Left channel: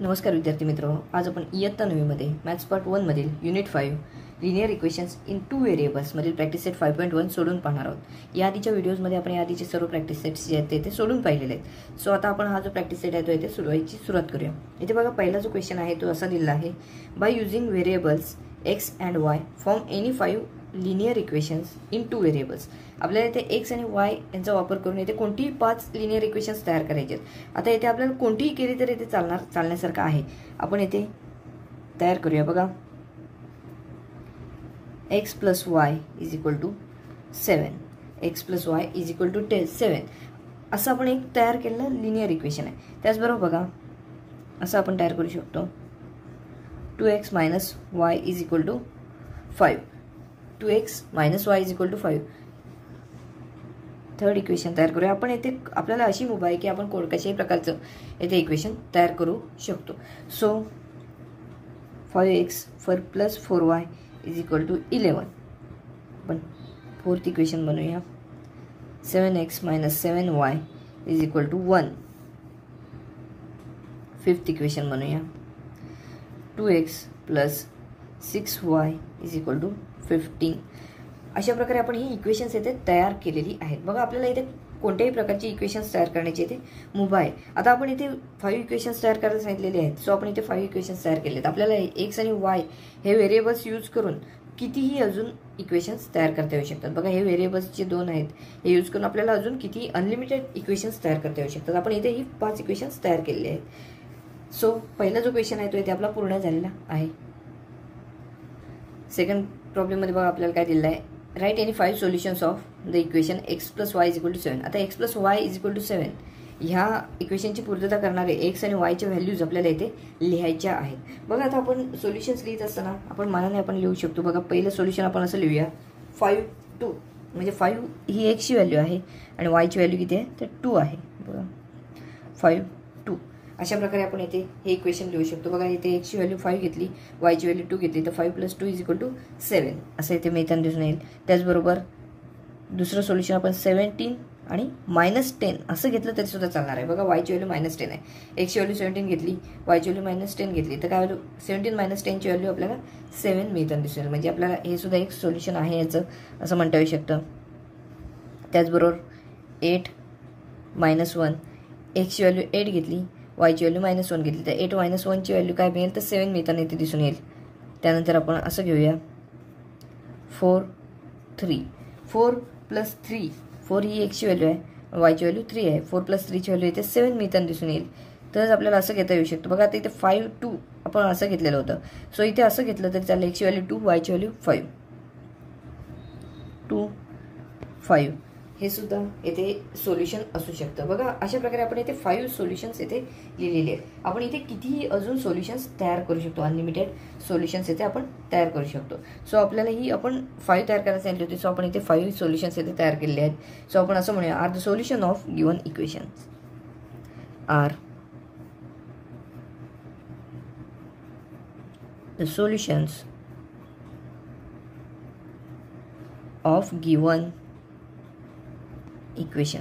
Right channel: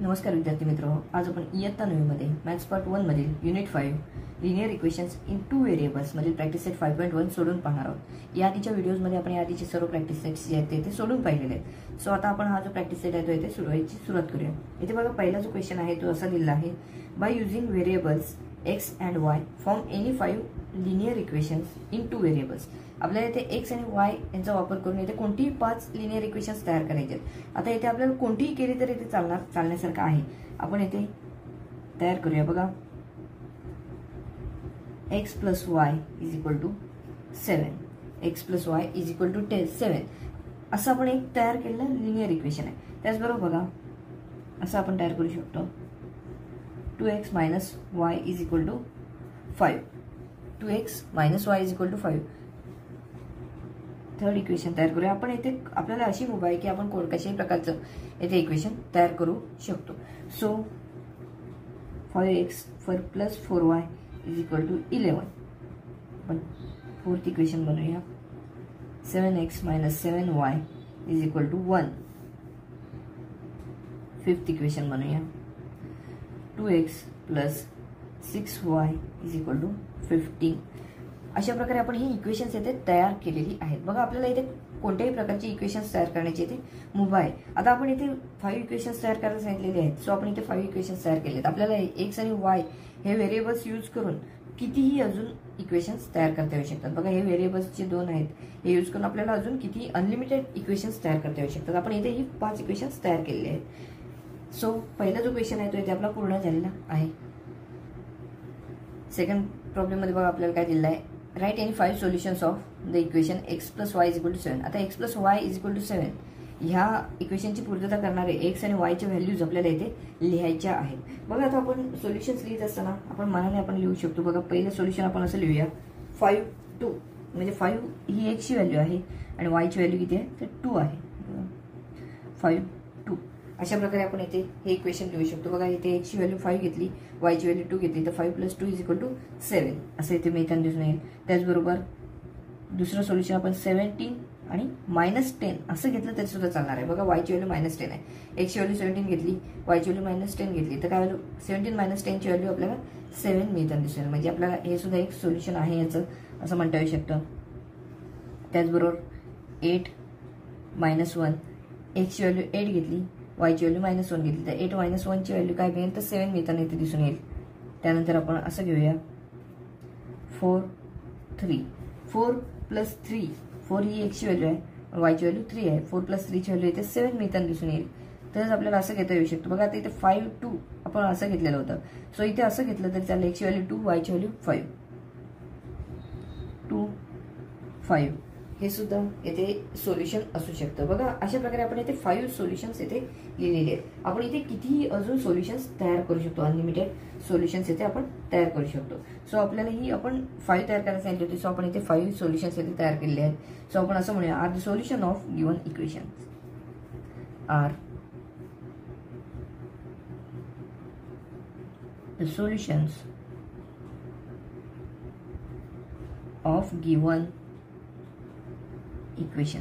नमस्कार विद्यार्थी मित्र, आज आपण इयत्ता 9 मध्ये मॅथ्स पार्ट 1 मधील unit 5 linear equations in 2 variables मधील प्रॅक्टिस सेट 5.1 सोडून पाहणार आहोत। या आधीच्या व्हिडिओजमध्ये आपण या आधीचे सर्व प्रॅक्टिस सेट्स जे आहेत ते सोडून पाहिलेले आहेत। सो आता आपण हा जो प्रॅक्टिस सेट आहे तो इथे सुरुवात करूया। इथे बघा पहिला जो क्वेश्चन आहे तो असा दिलेला आहे, by using variables x and y form any 5 linear equations in 2 variables. आपल्याला इथे x आणि y यांचा वापर करून इथे कोणतीही 5 लिनियर इक्वेशन्स तयार करायचे आहेत। आता इथे आपल्याला कोणतीही केली तर इथे चालण्यासारखं आहे। आपण इथे तयार करूया। बघा, x plus y is equal to 7, x plus y is equal to 7 असं आपण एक तयार केलेलं लिनियर इक्वेशन आहे। त्याचबरोबर बघा, असं आपण तयार करू शकतो 2x minus y is equal to 5, 2x minus y is equal to 5। Third equation तयार करूया आपण। इथे आपल्याला अशी मुभा आहे की आपण कोणत्याही प्रकारचं इथे इक्वेशन तयार करू शकतो। So 5x plus 4y is equal to 11। आपण फोर्थ इक्वेशन बनवूया, 7x minus 7y is equal to 1। Fifth equation बनवूया, 2x plus 6y is equal to 15। अशा प्रकारे आपण ही इक्वेशन्स इथे तयार केलेली आहेत। बघा, आपल्याला इथे कोणत्याही प्रकारची इक्वेशन्स तयार करण्याची इथे मुभा आहे। आता आपण इथे 5 इक्वेशन्स तयार करायला सांगितलेले आहेत। सो आपण इथे 5 इक्वेशन्स तयार केलेत। आपल्याला x आणि y हे व्हेरिएबल्स यूज करून कितीही अजून इक्वेशन्स तयार करता येऊ शकतात। बघा, हे व्हेरिएबल्स जे दोन आहेत हे यूज करून आपल्याला अजून किती अनलिमिटेड इक्वेशन्स तयार करता येऊ शकतात। आपण इथे ही 5 इक्वेशन्स तयार केलेले आहेत। सो पहिला जो क्वेश्चन आहे तो इथे आपला पूर्ण झालेला आहे। सेकंड प्रॉब्लेम मध्ये बघा आपल्याला काय दिलेलं आहे, right any 5 solutions of the equation x plus y is equal to 7। आता x plus y is equal to 7 ह्या इक्वेशनची पूर्तता करणारे x आणि y च्या व्हॅल्यूज आपल्याला इथे लिहायच्या आहेत। बघा, आता आपण सोल्युशन्स लिहित असताना आपण मनाने आपण लिहू शकतो। बघा, पहिलं सोल्युशन आपण असं लिहूया 5 2, म्हणजे 5 ही x ची व्हॅल्यू आहे आणि y ची व्हॅल्यू किती आहे तर 2 आहे। बघा, 5 2 अशा प्रकारे आपण इथे हे इक्वेशन लिहू शकतो। बघा, इथे x ची व्हॅल्यू 5 घेतली, y ची व्हॅल्यू 2 घेतली, तर 5 plus 2 is equal to 7 असं इथे मिळताना दिसून येईल। त्याचबरोबर दुसरं सोल्युशन आपण 17 आणि -10 असं घेतलं तरी सुद्धा चालणार आहे। बघा, y ची व्हॅल्यू -10 आहे, x ची व्हॅल्यू 17 घेतली, y ची व्हॅल्यू -10 घेतली, तर काय व्हॅल्यू 17 - 10 ची व्हॅल्यू आपल्याला 7 मिळताना दिसून येईल। म्हणजे आपल्याला हे सुद्धा एक सोल्युशन आहे याचं, असं म्हणता येऊ शकतं। त्याचबरोबर 8 - 1, x ची व्हॅल्यू 8 घेतली, y ची व्हॅल्यू -1 घेतली, तर 8 - 1 ची व्हॅल्यू काय मिळेल तर 7 मिळताना इथे दिसून येईल। त्यानंतर आपण असं घेऊया 4 3, 4 plus 3, 4 ही x ची व्हॅल्यू आहे, y ची व्हॅल्यू 3 आहे, 4 plus 3 ची व्हॅल्यू इथे 7 मिळताना दिसून येईल। तरच आपल्याला असं घेता येऊ शकतं। बघा, आता इथे 5 2 आपण असं घेतलेलं होतं। सो इथे असं घेतलं तरी चालेल, x ची व्हॅल्यू 2, y ची व्हॅल्यू 5, 2 5 हे सुद्धा इथे सोल्युशन असू शकतं। बघा, अशा प्रकारे आपण इथे 5 सोल्युशन्स इथे लिहिलेले आहेत। आपण इथे कितीही अजून सोल्युशन्स तयार करू शकतो, अनलिमिटेड सोल्युशन्स इथे आपण तयार करू शकतो। सो आपल्याला ही आपण 5 तयार करायला सांगितली होती। सो आपण इथे 5 सोल्युशन्स इथे तयार केलेले आहेत। सो आपण असं म्हणूया, are the solution of given equations, are the solutions of given equation.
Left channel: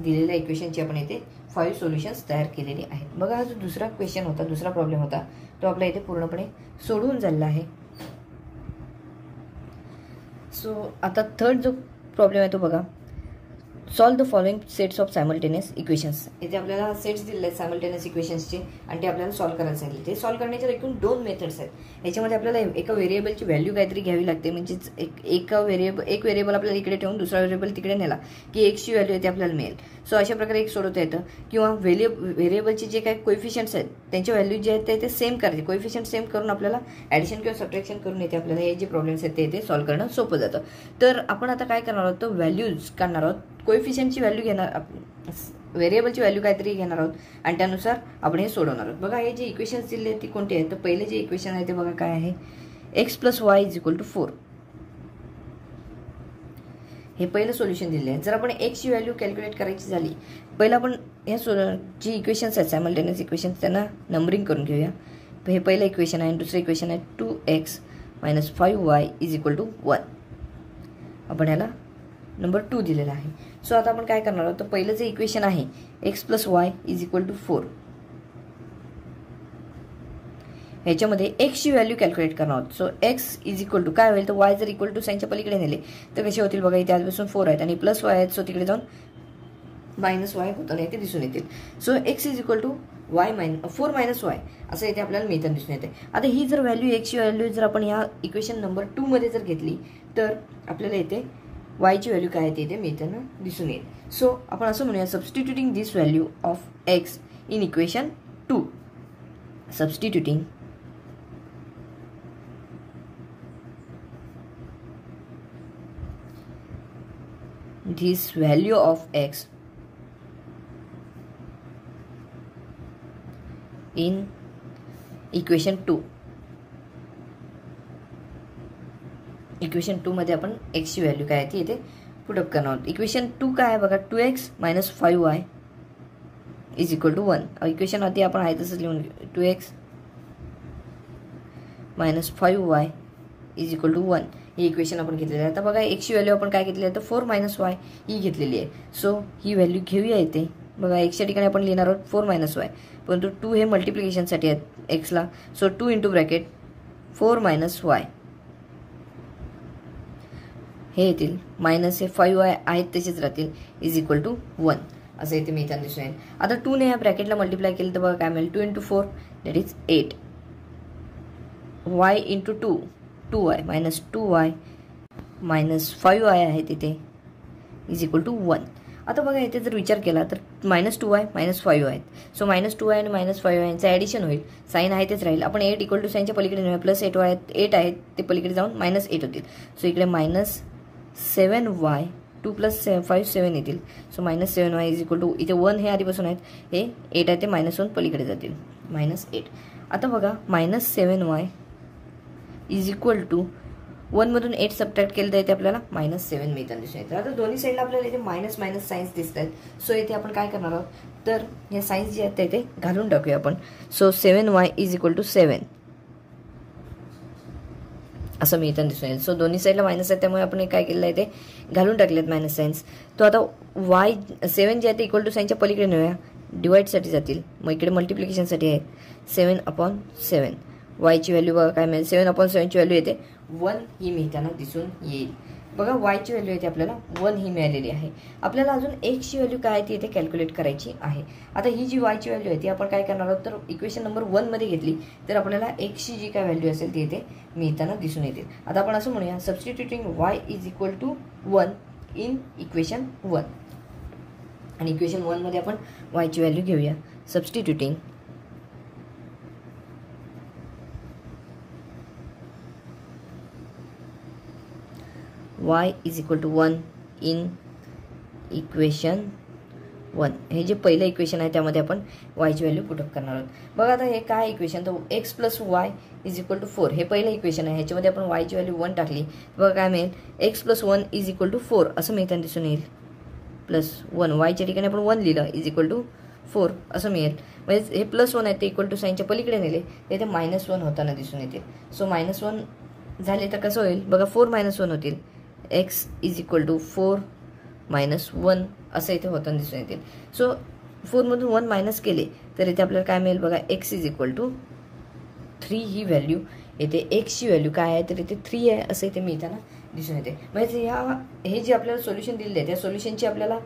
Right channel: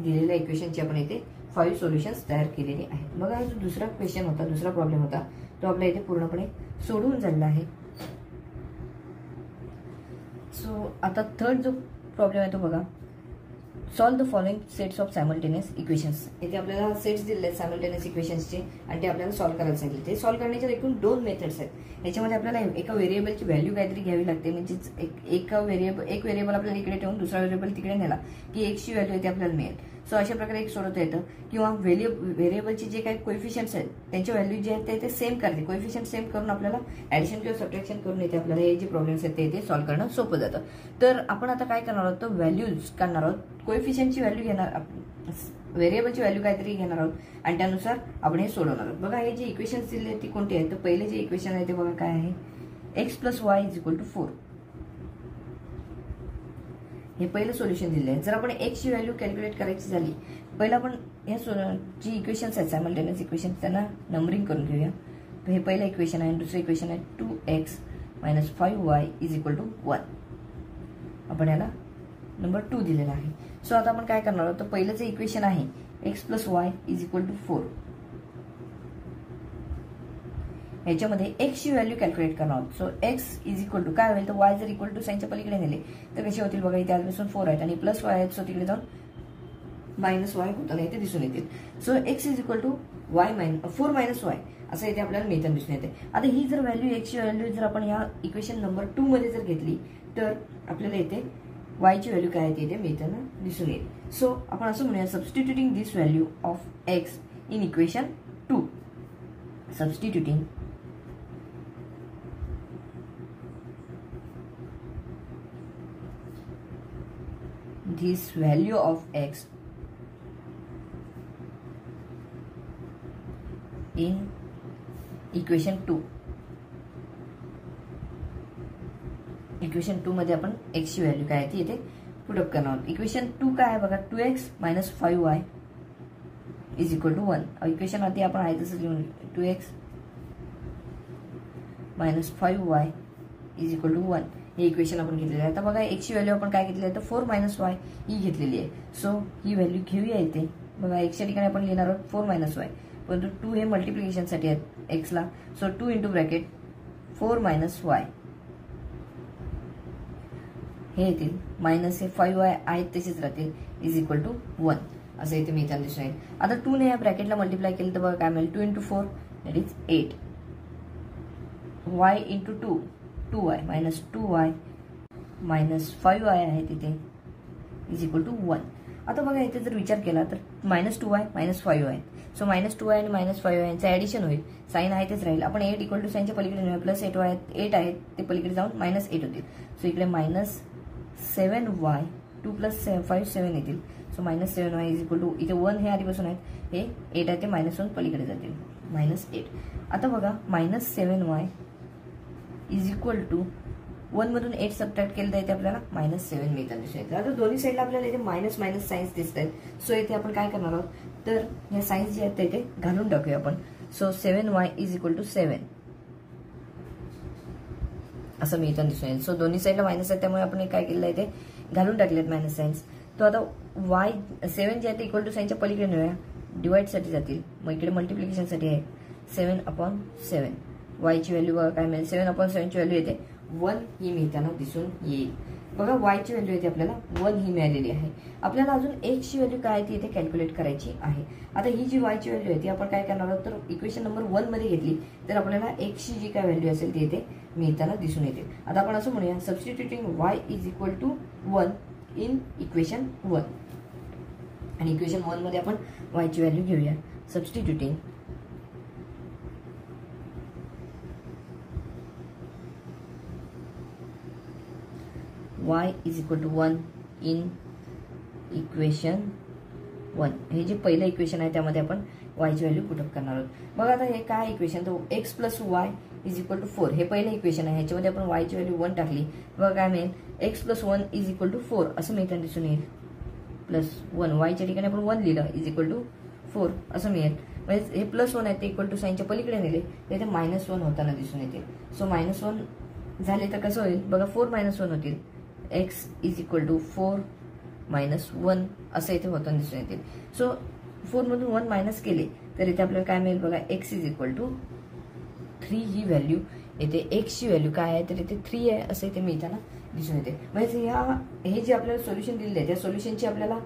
दिलेल्या इक्वेशनची आपण इथे 5 सोल्युशन्स तयार केलेले आहेत। बघा, हा जो दुसरा क्वेश्चन होता, दुसरा प्रॉब्लेम होता, तो आपल्या इथे पूर्णपणे सोडून झालेला आहे। सो आता थर्ड जो प्रॉब्लेम आहे तो बघा, solve the following sets of simultaneous equations. इथे आपल्याला सेट्स दिलेले आहेत सायमल्टेनियस इक्वेशन्सचे आणि ते आपल्याला सॉल्व करायला सांगितले। ते सॉल्व करण्याच्या एकूण 2 मेथड्स आहेत। याच्यामध्ये आपल्याला एका व्हेरिएबलची व्हॅल्यू काहीतरी घ्यावी लागते, म्हणजे एक व्हेरिएबल आपल्याला इकडे ठेवून दुसरा व्हेरिएबल तिकडे नेला की x ची व्हॅल्यू आहे ते आपल्याला मिळेल। सो अशा प्रकारे एक सोडवता येतं। किंवा व्हेरिएबलचे जे काही कोएफिशियंट्स आहेत त्यांचे व्हॅल्यू जे आहेत ते सेम करायचे, कोएफिशियंट सेम करून आपल्याला ॲडिशन किंवा सबट्रॅक्शन करून येते आपल्याला हे जे प्रॉब्लेम्स आहेत ते इथे सॉल्व करणं सोपं जातं। तर आपण आता काय करणार आहोत, तर व्हॅल्यूज काढणार आहोत, कोएफिशियंटची व्हॅल्यू घेणार, व्हेरिएबलची व्हॅल्यू काहीतरी घेणार आहोत आणि त्यानुसार आपण हे सोडवणार आहोत। बघा, हे जे इक्वेशन्स दिले आहेत ती कोणती आहेत, तर पहिले जे इक्वेशन आहे ते बघा काय आहे, x plus y is equal to 4 हे पहिलं सोल्युशन दिले आहे। जर आपण x ची व्हॅल्यू कॅल्क्युलेट करायची झाली, पहिलं आपण या जी इक्वेशन्स आहेत सायमल्टेनियस इक्वेशन्स त्यांना नंबरिंग करून घेऊया। तर हे पहिलं इक्वेशन आहे, दुसरं इक्वेशन आहे 2x - 5y is equal to 1। आपण याला नंबर 2 दिलेला आहे. सो आता आपण काय करणार आहोत, तर पहिलं जे इक्वेशन आहे x + y = 4, याच्यामध्ये x ची व्हॅल्यू कॅल्क्युलेट करणार आहोत. सो x काय होईल, तर y जर इक्वल टू साईनच्या पलीकडे नेले तर कसे होतील बघा. इथे आजपासून 4 आहेत आणि प्लस y आहेत, सो तिकडे जाऊन -y होताना इथे दिसून येतील. सो x = y 4 - y असं इथे आपल्याला मेथड दिसून येते. आता ही जर व्हॅल्यू x ची व्हॅल्यू जर आपण या इक्वेशन नंबर 2 मध्ये जर घेतली तर आपल्याला इथे y ची व्हॅल्यू काय येते इथे मेथड दिसून येईल. सो आपण असं म्हणूया, substituting this value of x in equation 2, substituting this value of x in equation 2. Equation 2 मध्ये आपण x ची व्हॅल्यू काय आहे ती इथे पुटअप करणार आहोत. इक्वेशन 2 काय आहे बघा, 2x - 5y = 1. इक्वेशन आधी आपण आहे तसंच लिहून 2x - 5y = 1 हे इक्वेशन आपण घेतलेलं आहे. आता बघा x ची व्हॅल्यू आपण काय घेतली आहे, तर 4 - y ही घेतलेली आहे. सो ही व्हॅल्यू घेऊया इथे बघा. x च्या ठिकाणी आपण लिहिणार आहोत 4 - y, परंतु 2 हे मल्टिप्लिकेशनसाठी आहेत x ला. सो 2 × ब्रॅकेट 4 - y हे येतील, मायनस हे 5y आहेत तसेच राहतील, = 1 असं इथे मी इथे दिसून येईल. आता 2 ने या ब्रॅकेटला मल्टिप्लाय केलं तर बघा काय मिळेल, 2 × 4 that is 8, y × 2 2y -2y -5y आहे तिथे = 1. आता बघा इथे जर विचार केला तर -2y -5y आहेत. सो -2y आणि -5y यांचं ॲडिशन होईल, साईन आहे तेच राहील. आपण 8 = साईनच्या पलीकडे नेऊया, प्लस 8 आहेत ते पलीकडे जाऊन -8 होतील. सो इकडे -7y 2 + 5 7 येतील. सो -7y = इथे 1 हे आधीपासून आहेत, हे 8 आहे ते -1 पलीकडे जातील, -8. आता बघा -7y = 1 मधून 8 सबट्रॅक्ट केलं तर इथे आपल्याला -7 मिळतात दिसून येतं. आता दोन्ही साईडला आपल्याला इथे मायनस साईन्स दिसत आहेत. सो इथे आपण काय करणार आहोत, तर या साईन्स जे आहेत ते इथे घालून टाकूया आपण. सो 7y = 7 असं मिळताना दिसून येईल. सो दोन्ही साईडला मायनस आहेत त्यामुळे आपण काय केलेलं आहे ते घालून टाकलेत मायनस साईन्स. तो आता y 7 जे आहे ते = साईनच्या पलीकडे नेऊया, डिवाइडसाठी जातील, मग इकडे मल्टिप्लिकेशनसाठी आहे 7/7. y ची व्हॅल्यू बघा काय मिळेल, 7/7 ची व्हॅल्यू येते 1 ही मिळताना दिसून येईल. बघा y ची व्हॅल्यू येते आपल्याला 1 ही मिळालेली आहे. आपल्याला अजून x ची व्हॅल्यू काय आहे ती इथे कॅल्क्युलेट करायची आहे. आता ही जी y ची व्हॅल्यू आहे ती आपण काय करणार आहोत, तर इक्वेशन नंबर 1 मध्ये घेतली तर आपल्याला x ची जी काय व्हॅल्यू असेल ती इथे मिळताना दिसून येते. आता आपण असं म्हणूया, सबस्टिट्युटिंग y = 1 इन इक्वेशन 1, आणि इक्वेशन 1 मध्ये आपण y ची व्हॅल्यू घेऊया. सबस्टिट्युटिंग y = 1 इन इक्वेशन 1, हे जे पहिलं इक्वेशन आहे त्यामध्ये आपण y ची व्हॅल्यू पुटअप करणार आहोत. बघा आता हे काय इक्वेशन, तर x + y = 4 हे पहिलं इक्वेशन आहे. ह्याच्यामध्ये आपण y ची व्हॅल्यू 1 टाकली, बघा काय मिळेल, x + 1 = 4 असं मिळताना दिसून येईल, +1 y च्या ठिकाणी आपण 1 लिहिलं, = 4 असं मिळेल. म्हणजे हे +1 आहे ते = साईनच्या पलीकडे नेले तर इथे -1 होताना दिसून येते. सो -1 झाले तर कसं होईल बघा, 4 - 1 होतील, x = 4 - 1 असं इथे होताना दिसून येतील. सो 4 मधून 1 मायनस केले तर इथे आपल्याला काय मिळेल बघा, x = 3 ही व्हॅल्यू येते. x ची व्हॅल्यू काय आहे तर इथे 3 आहे असं इथे मिळताना दिसून येते. म्हणजे हे जे आपल्याला सोल्युशन दिलेले आहे त्या सोल्युशनची आपल्याला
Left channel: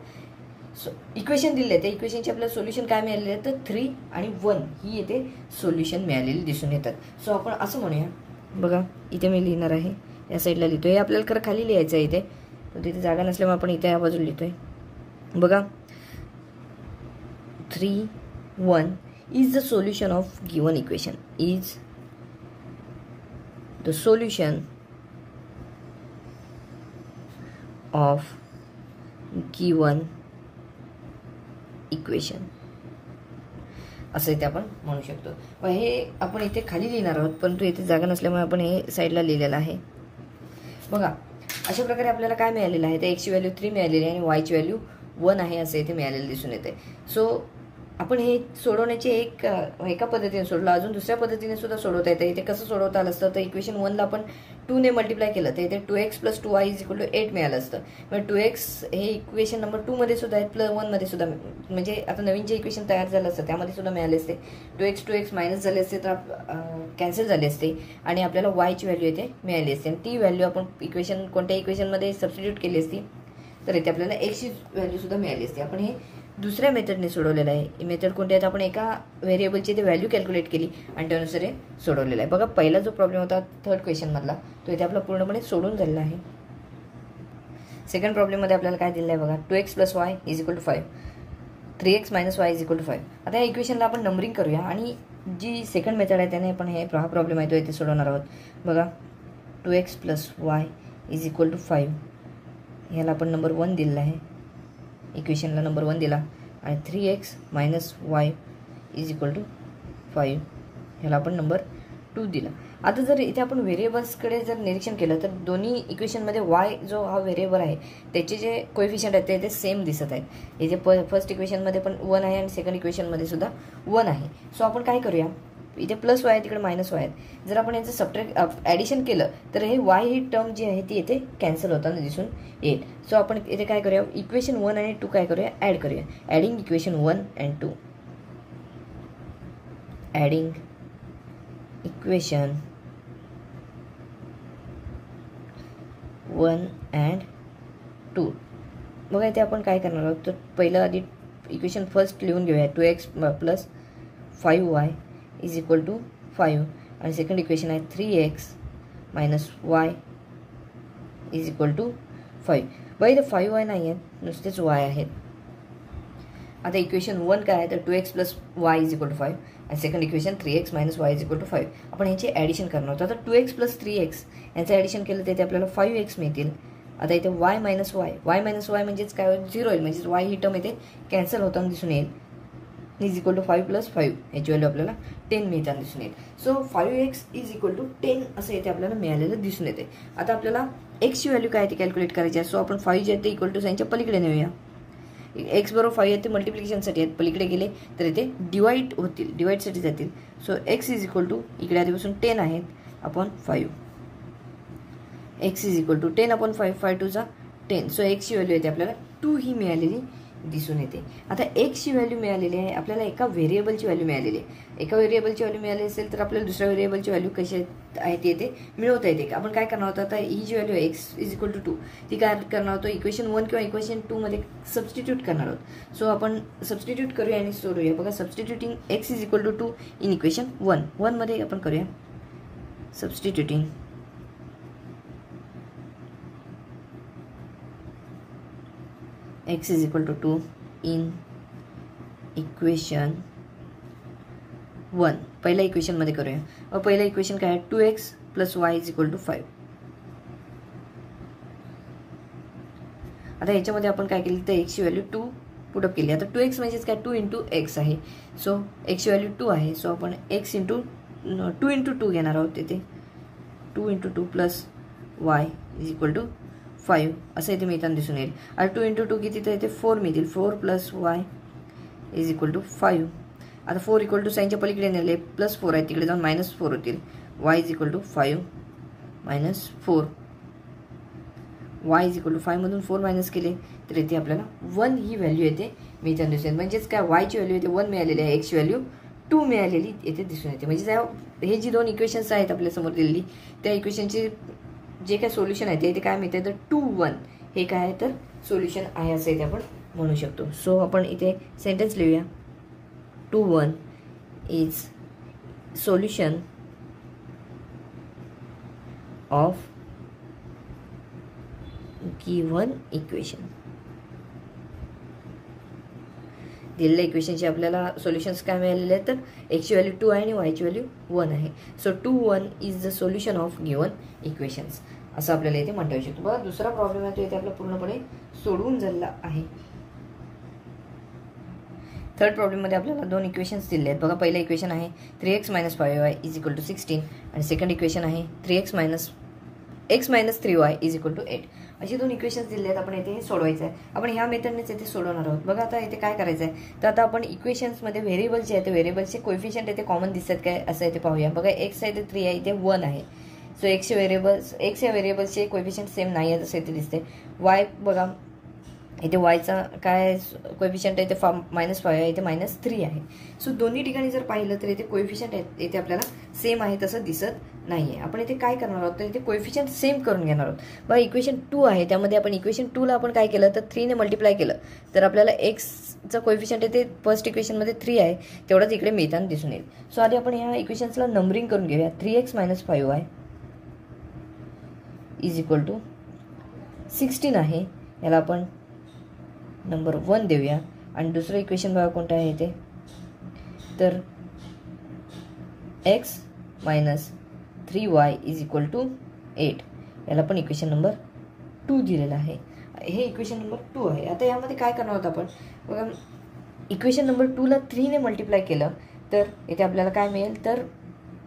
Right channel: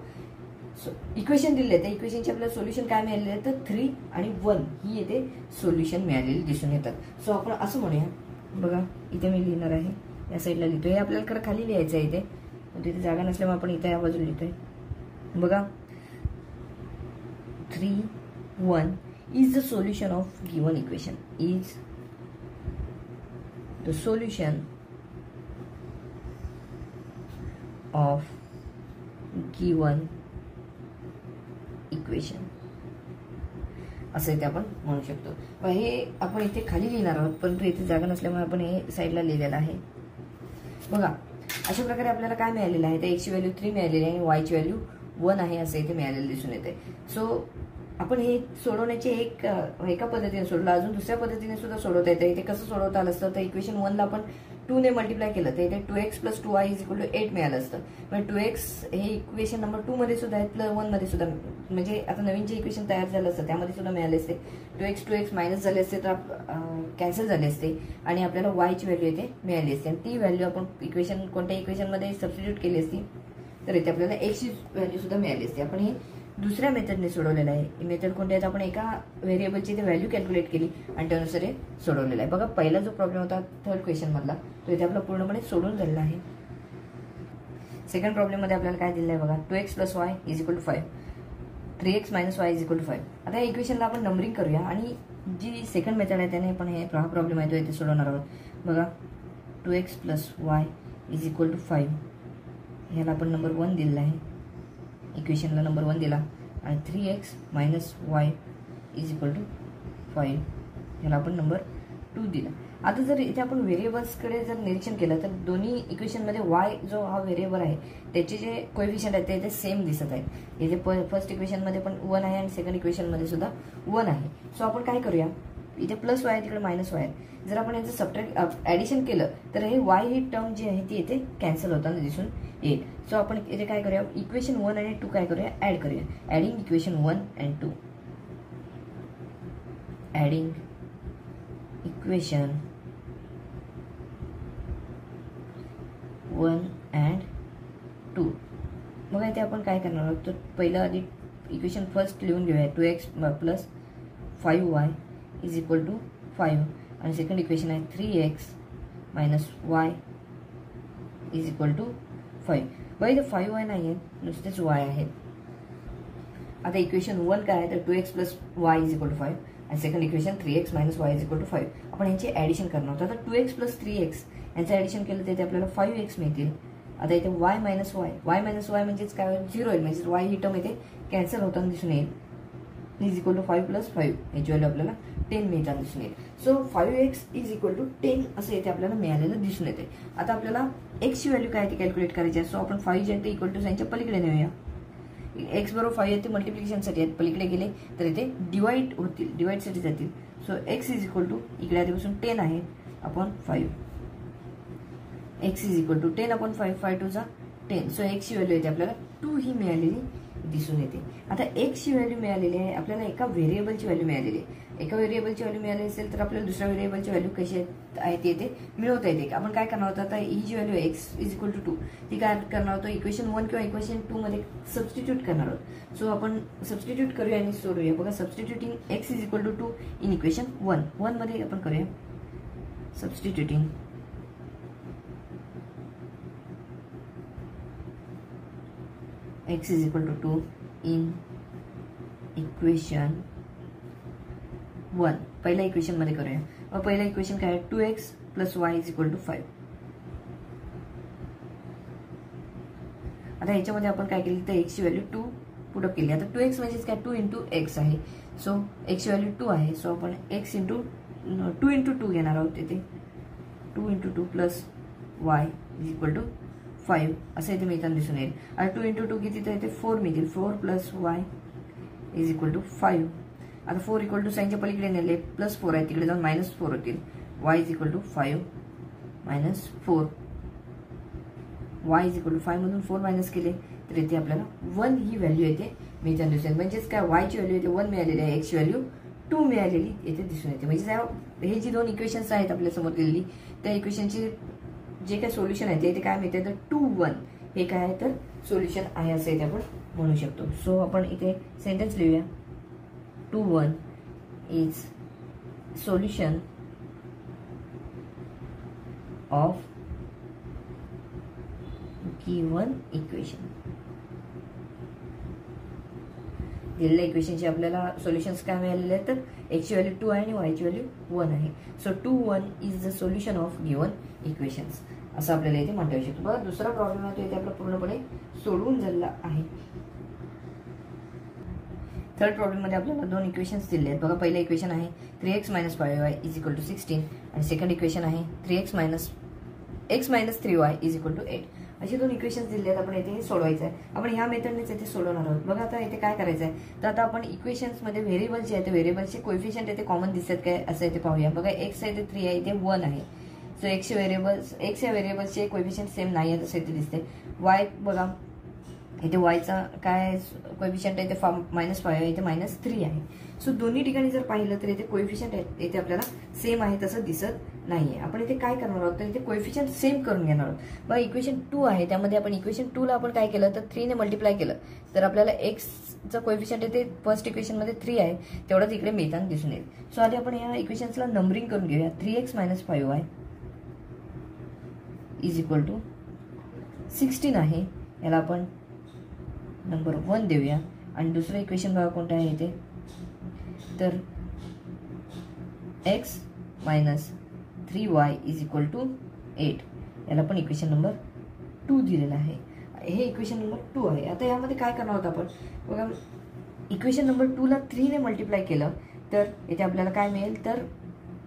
इक्वेशन दिलेले आहे त्या इक्वेशनची आपल्याला सोल्युशन काय मिळालेले आहे, तर 3 आणि 1 ही येथे सोल्युशन मिळालेली दिसून येतात. सो आपण असं म्हणूया, बघा इथे मी लिहिणार आहे, या साईडला लिहितोय, हे आपल्याला खरं खाली लिहायचं आहे इथे, तिथे जागा नसल्यामुळे आपण इथे या बाजूला लिहितोय. बघा 3 1 is the solution of given equation, is the solution of given equation असं इथे आपण म्हणू शकतो. पण हे आपण इथे खाली लिहिणार आहोत, परंतु इथे जागा नसल्यामुळे आपण हे साईडला लिहिलेलं आहे. बघा अशा प्रकारे आपल्याला काय मिळालेलं आहे, तर x ची व्हॅल्यू 3 मिळालेली आहे आणि y ची व्हॅल्यू 1 आहे असं इथे मिळालेलं दिसून येते. सो आपण हे सोडवण्याचे एका पद्धतीने सोडलं, अजून दुसऱ्या पद्धतीने सुद्धा सोडवता येते. इथे कसं सोडवता आलं असतं, तर इक्वेशन 1 ला आपण 2 ने मल्टिप्लाय केलं तर इथे 2x + 2y = 8 मिळालं असतं. मग 2x हे इक्वेशन नंबर 2 मध्ये सुद्धा आहे, प्लस 1 मध्ये सुद्धा, म्हणजे आता नवीन जे इक्वेशन तयार झालं असतं त्यामध्ये सुद्धा मिळाले असते. 2x मायनस झाले असते तर कॅन्सल झाले असते आणि आपल्याला y ची व्हॅल्यू इथे मिळाली असते आणि ती व्हॅल्यू आपण इक्वेशन कोणत्या इक्वेशनमध्ये सबस्टिट्यूट केली असती तर इथे आपल्याला x ची व्हॅल्यू सुद्धा मिळाली असते. आपण हे दुसऱ्या मेथडने सोडवलेलं आहे. ही मेथड कोणती आहे, आपण एका व्हेरिएबलची ते व्हॅल्यू कॅल्क्युलेट केली आणि त्यानुसार हे सोडवलेलं आहे. बघा पहिला जो प्रॉब्लेम होता थर्ड क्वेश्चन मधला तो इथे आपला पूर्णपणे सोडून झालेला आहे. सेकंड प्रॉब्लेम मध्ये आपल्याला काय दिलेलं आहे बघा, 2x + y = 5, 3x - y = 5. आता या इक्वेशनला आपण नंबरिंग करूया आणि जी सेकंड मेथड आहे त्याने आपण हा प्रॉब्लेम आहे तो इथे सोडवणार आहोत. बघा 2x + y = 5 ह्याला आपण नंबर 1 दिलेला आहे, इक्वेशनला नंबर 1 दिला आणि 3x - y = 5 ह्याला आपण नंबर 2 दिला. आता जर इथे आपण व्हेरिएबल्सकडे जर निरीक्षण केलं तर दोन्ही इक्वेशनमध्ये y जो हा व्हेरिएबल आहे त्याचे जे कोएफिशियंट आहेत ते इथे सेम दिसत आहेत. इथे फर्स्ट इक्वेशनमध्ये पण 1 आहे आणि सेकंड इक्वेशनमध्ये सुद्धा 1 आहे. सो आपण काय करूया, इथे प्लस y आहे तिकडे मायनस y आहे. जर आपण याचं सबट्रॅक्ट ॲडिशन केलं तर हे y ही टर्म जी आहे ती इथे कॅन्सल होताना दिसून येईल. सो आपण इथे काय करूया, इक्वेशन 1 आणि 2 काय करूया, ॲड करूया. Adding equation 1 and 2, adding equation 1 and 2. बघा इथे आपण काय करणार आहोत, तर पहिलं आधी इक्वेशन फर्स्ट लिहून घेऊया, 2x + 5y = 5 आणि सेकंड इक्वेशन आहे 3x - y = 5. बघा इथे 5y नाही आहेत, नुसतेच y आहेत. आता इक्वेशन 1 काय आहे तर 2x + y = 5 आणि सेकंड इक्वेशन 3x - y = 5. आपण यांची ॲडिशन करणार आहोत. आता 2x + 3x यांचं ॲडिशन केलं तर इथे आपल्याला 5x मिळतील. आता इथे y - y म्हणजेच काय होईल, 0 होईल, म्हणजेच y ही टर्म इथे कॅन्सल होताना दिसून येईल. = 5 + 5 याची व्हॅल्यू आपल्याला 10 मिळताना दिसून येईल. सो 5x = 10 असं इथे आपल्याला मिळालेलं दिसून येते. आता आपल्याला x ची व्हॅल्यू काय ती कॅल्क्युलेट करायची आहे. सो आपण 5 जे आहे ते इक्वल टू साईनच्या पलीकडे नेऊया. x बरोबर 5 आहे ते मल्टिप्लिकेशनसाठी आहेत, पलीकडे गेले तर इथे डिवाइड होतील, डिवाइडसाठी जातील. सो x = इकडे आधीपासून 10 आहे upon 5, x = 10 upon 5, 5 2 10. So x ची व्हॅल्यू येते आपल्याला 2 ही मिळालेली दिसून येते. आता x ची व्हॅल्यू मिळालेली आहे आपल्याला, एका व्हेरिएबलची व्हॅल्यू मिळालेली आहे. एका व्हेरिएबलची व्हॅल्यू मिळाली असेल तर आपल्याला दुसऱ्या व्हेरिएबलची व्हॅल्यू कशी आहे ती येते मिळवता येते. आपण काय करणार होतं, आता ही जी व्हॅल्यू x = 2 ती काय करणार होतो, इक्वेशन 1 किंवा इक्वेशन 2 मध्ये सबस्टिट्यूट करणार आहोत. सो आपण सबस्टिट्यूट करूया आणि सोडूया. बघा सबस्टिट्यूटिंग x = 2 इन इक्वेशन 1 मध्ये आपण करूया सबस्टिट्यूटिंग x = 2 इन इक्वेशन 1. पहिल्या इक्वेशन मध्ये करूया. पहिलं इक्वेशन काय आहे, 2x + y = 5. आता ह्याच्यामध्ये आपण काय केली तर x ची व्हॅल्यू 2 पुटअप केली. आता 2x म्हणजेच काय, 2 × x आहे. सो x ची व्हॅल्यू 2 आहे. सो आपण x × 2 × 2 घेणार आहोत. तिथे 2 × 2 + y = 5 असं इथे मिळताना दिसून येईल. आता 2 × 2 किती तर इथे 4 मिळतील. 4 + y = 5. आता 4 = साईनच्या पलीकडे नेले, +4 आहे तिकडे जाऊन -4 होतील. y = 5 - 4, y = 5 मधून 4 मायनस केले तर इथे आपल्याला 1 ही व्हॅल्यू येते मिळताना दिसून येते. म्हणजेच काय, y ची व्हॅल्यू इथे 1 मिळालेली आहे, x ची व्हॅल्यू 2 मिळालेली येथे दिसून येते. म्हणजे हे जी दोन इक्वेशन्स आहेत आपल्यासमोर दिलेली त्या इक्वेशनचे जे काय सोल्युशन आहे ते इथे काय मिळते तर 2, 1 हे काय आहे तर सोल्युशन आहे असं इथे आपण म्हणू शकतो. सो आपण इथे सेंटेन्स लिहूया, 2, 1 is solution of given equation. दिलेल्या इक्वेशनचे आपल्याला सोल्युशन्स काय मिळालेले आहेत तर x ची व्हॅल्यू 2 आहे आणि y ची व्हॅल्यू 1 आहे. So 2, 1 is the solution of given equations असं आपल्याला इथे म्हणता येऊ शकतो. बघा दुसरा प्रॉब्लेम आहे तो इथे आपला पूर्णपणे सोडवून झालेला आहे. थर्ड प्रॉब्लेम मध्ये आपल्याला दोन इक्वेशन्स दिले आहेत. बघा पहिलं इक्वेशन आहे 3x - 5y = 16 आणि सेकंड इक्वेशन आहे 3x - 3y = 8. अशी दोन इक्वेशन्स दिले आहेत. आपण इथे हे सोडवायचं आहे. आपण ह्या मेथडनेच इथे सोडवणार आहोत. बघा आता इथे काय करायचं आहे तर आता आपण इक्वेशन्समध्ये व्हेरिएबल जे आहे ते व्हेरिएबलचे कोएफिशियंट इथे कॉमन दिसतात काय असं इथे पाहूया. बघा x आहे ते 3 आहे, इथे 1 आहे. सो एक्स या व्हेरिएबल्सचे कोएफिशियंट सेम नाही आहे तसं इथे दिसते. वाय बघा इथे वायचा काय कोएफिशियंट आहे ते -5 आहे, इथे -3 आहे. सो दोन्ही ठिकाणी जर पाहिलं तर इथे कोएफिशियंट इथे आपल्याला सेम आहे तसं दिसत नाहीये. आपण इथे काय करणार आहोत तर इथे कोएफिशियंट सेम करून घेणार आहोत. बघा इक्वेशन 2 आहे, त्यामध्ये आपण इक्वेशन 2 ला आपण काय केलं तर 3 ने मल्टिप्लाय केलं तर आपल्याला एक्सचा कोएफिशियंट इथे फर्स्ट इक्वेशनमध्ये 3 आहे तेवढाच इकडे मिळताना दिसून येईल. सो आधी आपण या इक्वेशन्सला नंबरिंग करून घेऊया. 3x - 5y is equal to 16 आहे, याला आपण नंबर 1 देऊया. आणि दुसरं इक्वेशन बघा कोणतं आहे इथे तर x - 3y is equal to 8, याला पण इक्वेशन नंबर 2 दिलेलं आहे. हे इक्वेशन नंबर 2 आहे. आता यामध्ये काय करणार आहोत आपण, इक्वेशन नंबर 2 ला 3 ने मल्टिप्लाय केलं तर इथे आपल्याला काय मिळेल तर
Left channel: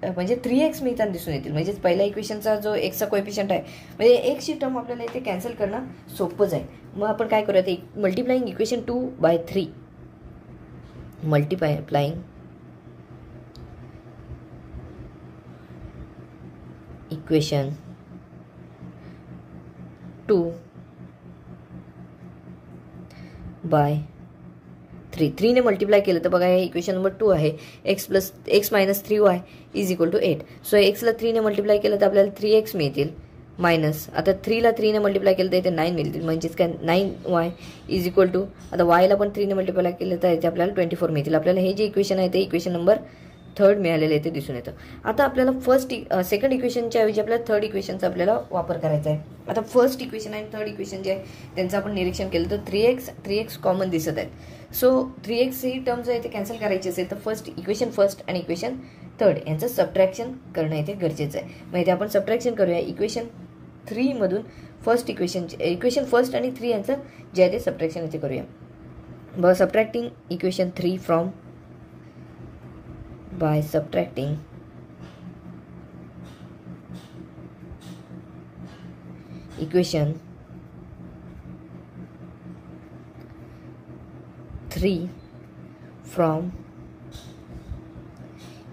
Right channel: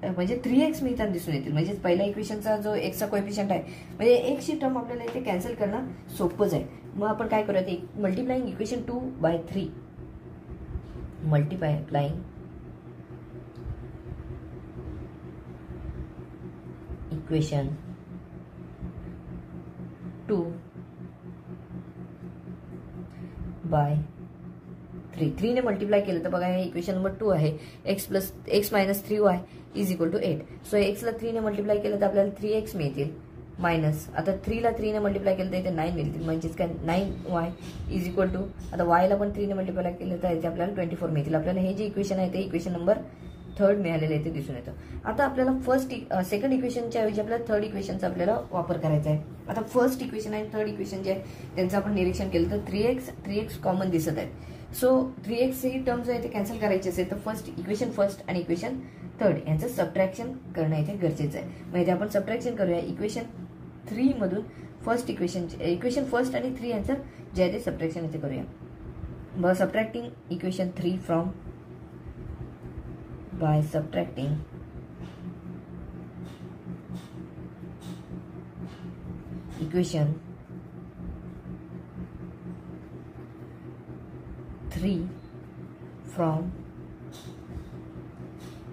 म्हणजे 3x मिळताना दिसून येतील. म्हणजे पहिल्या इक्वेशनचा जो एक्सचा कोएफिशियंट आहे म्हणजे एक्सची टर्म आपल्याला इथे कॅन्सल करणं सोपं जाईल. मग आपण काय करूया ते मल्टिप्लाइंग इक्वेशन 2/3 मल्टिप्लाइंग इक्वेशन 2/3 3 ने मल्टिप्लाय केलं तर बघा हे इक्वेशन नंबर 2 आहे. x - 3y is equal to 8. So एक्सला 3 ने मल्टिप्लाय केलं तर आपल्याला 3x मिळतील मायनस आता 3 ला 3 ने मल्टिप्लाय केलं तर इथे 9 मिळतील म्हणजेच काय 9y इज इक्वल टू आता वायला पण 3 ने मल्टिप्लाय केलं तर इथे आपल्याला 24 मिळतील. आपल्याला हे जे इक्वेशन आहे ते इक्वेशन नंबर 3 मिळालेलं आहे ते दिसून येतं. आता आपल्याला सेकंड इक्वेशनच्या ऐवजी आपल्याला थर्ड इक्वेशनचा आपल्याला वापर करायचा आहे. आता फर्स्ट इक्वेशन आणि थर्ड इक्वेशन जे आहे त्यांचं आपण निरीक्षण केलं तर 3x कॉमन दिसत आहेत. सो 3x ही टर्म्स आहे ते कॅन्सल करायची असेल तर इक्वेशन फर्स्ट आणि इक्वेशन थर्ड यांचं सबट्रॅक्शन करणं इथे गरजेचं आहे. मग इथे आपण सबट्रॅक्शन करूया. इक्वेशन 3 मधून इक्वेशन फर्स्ट आणि 3 यांचं जे आहे ते सबट्रॅक्शन इथे करूया. बघा subtracting equation 3 from by subtracting equation 3 from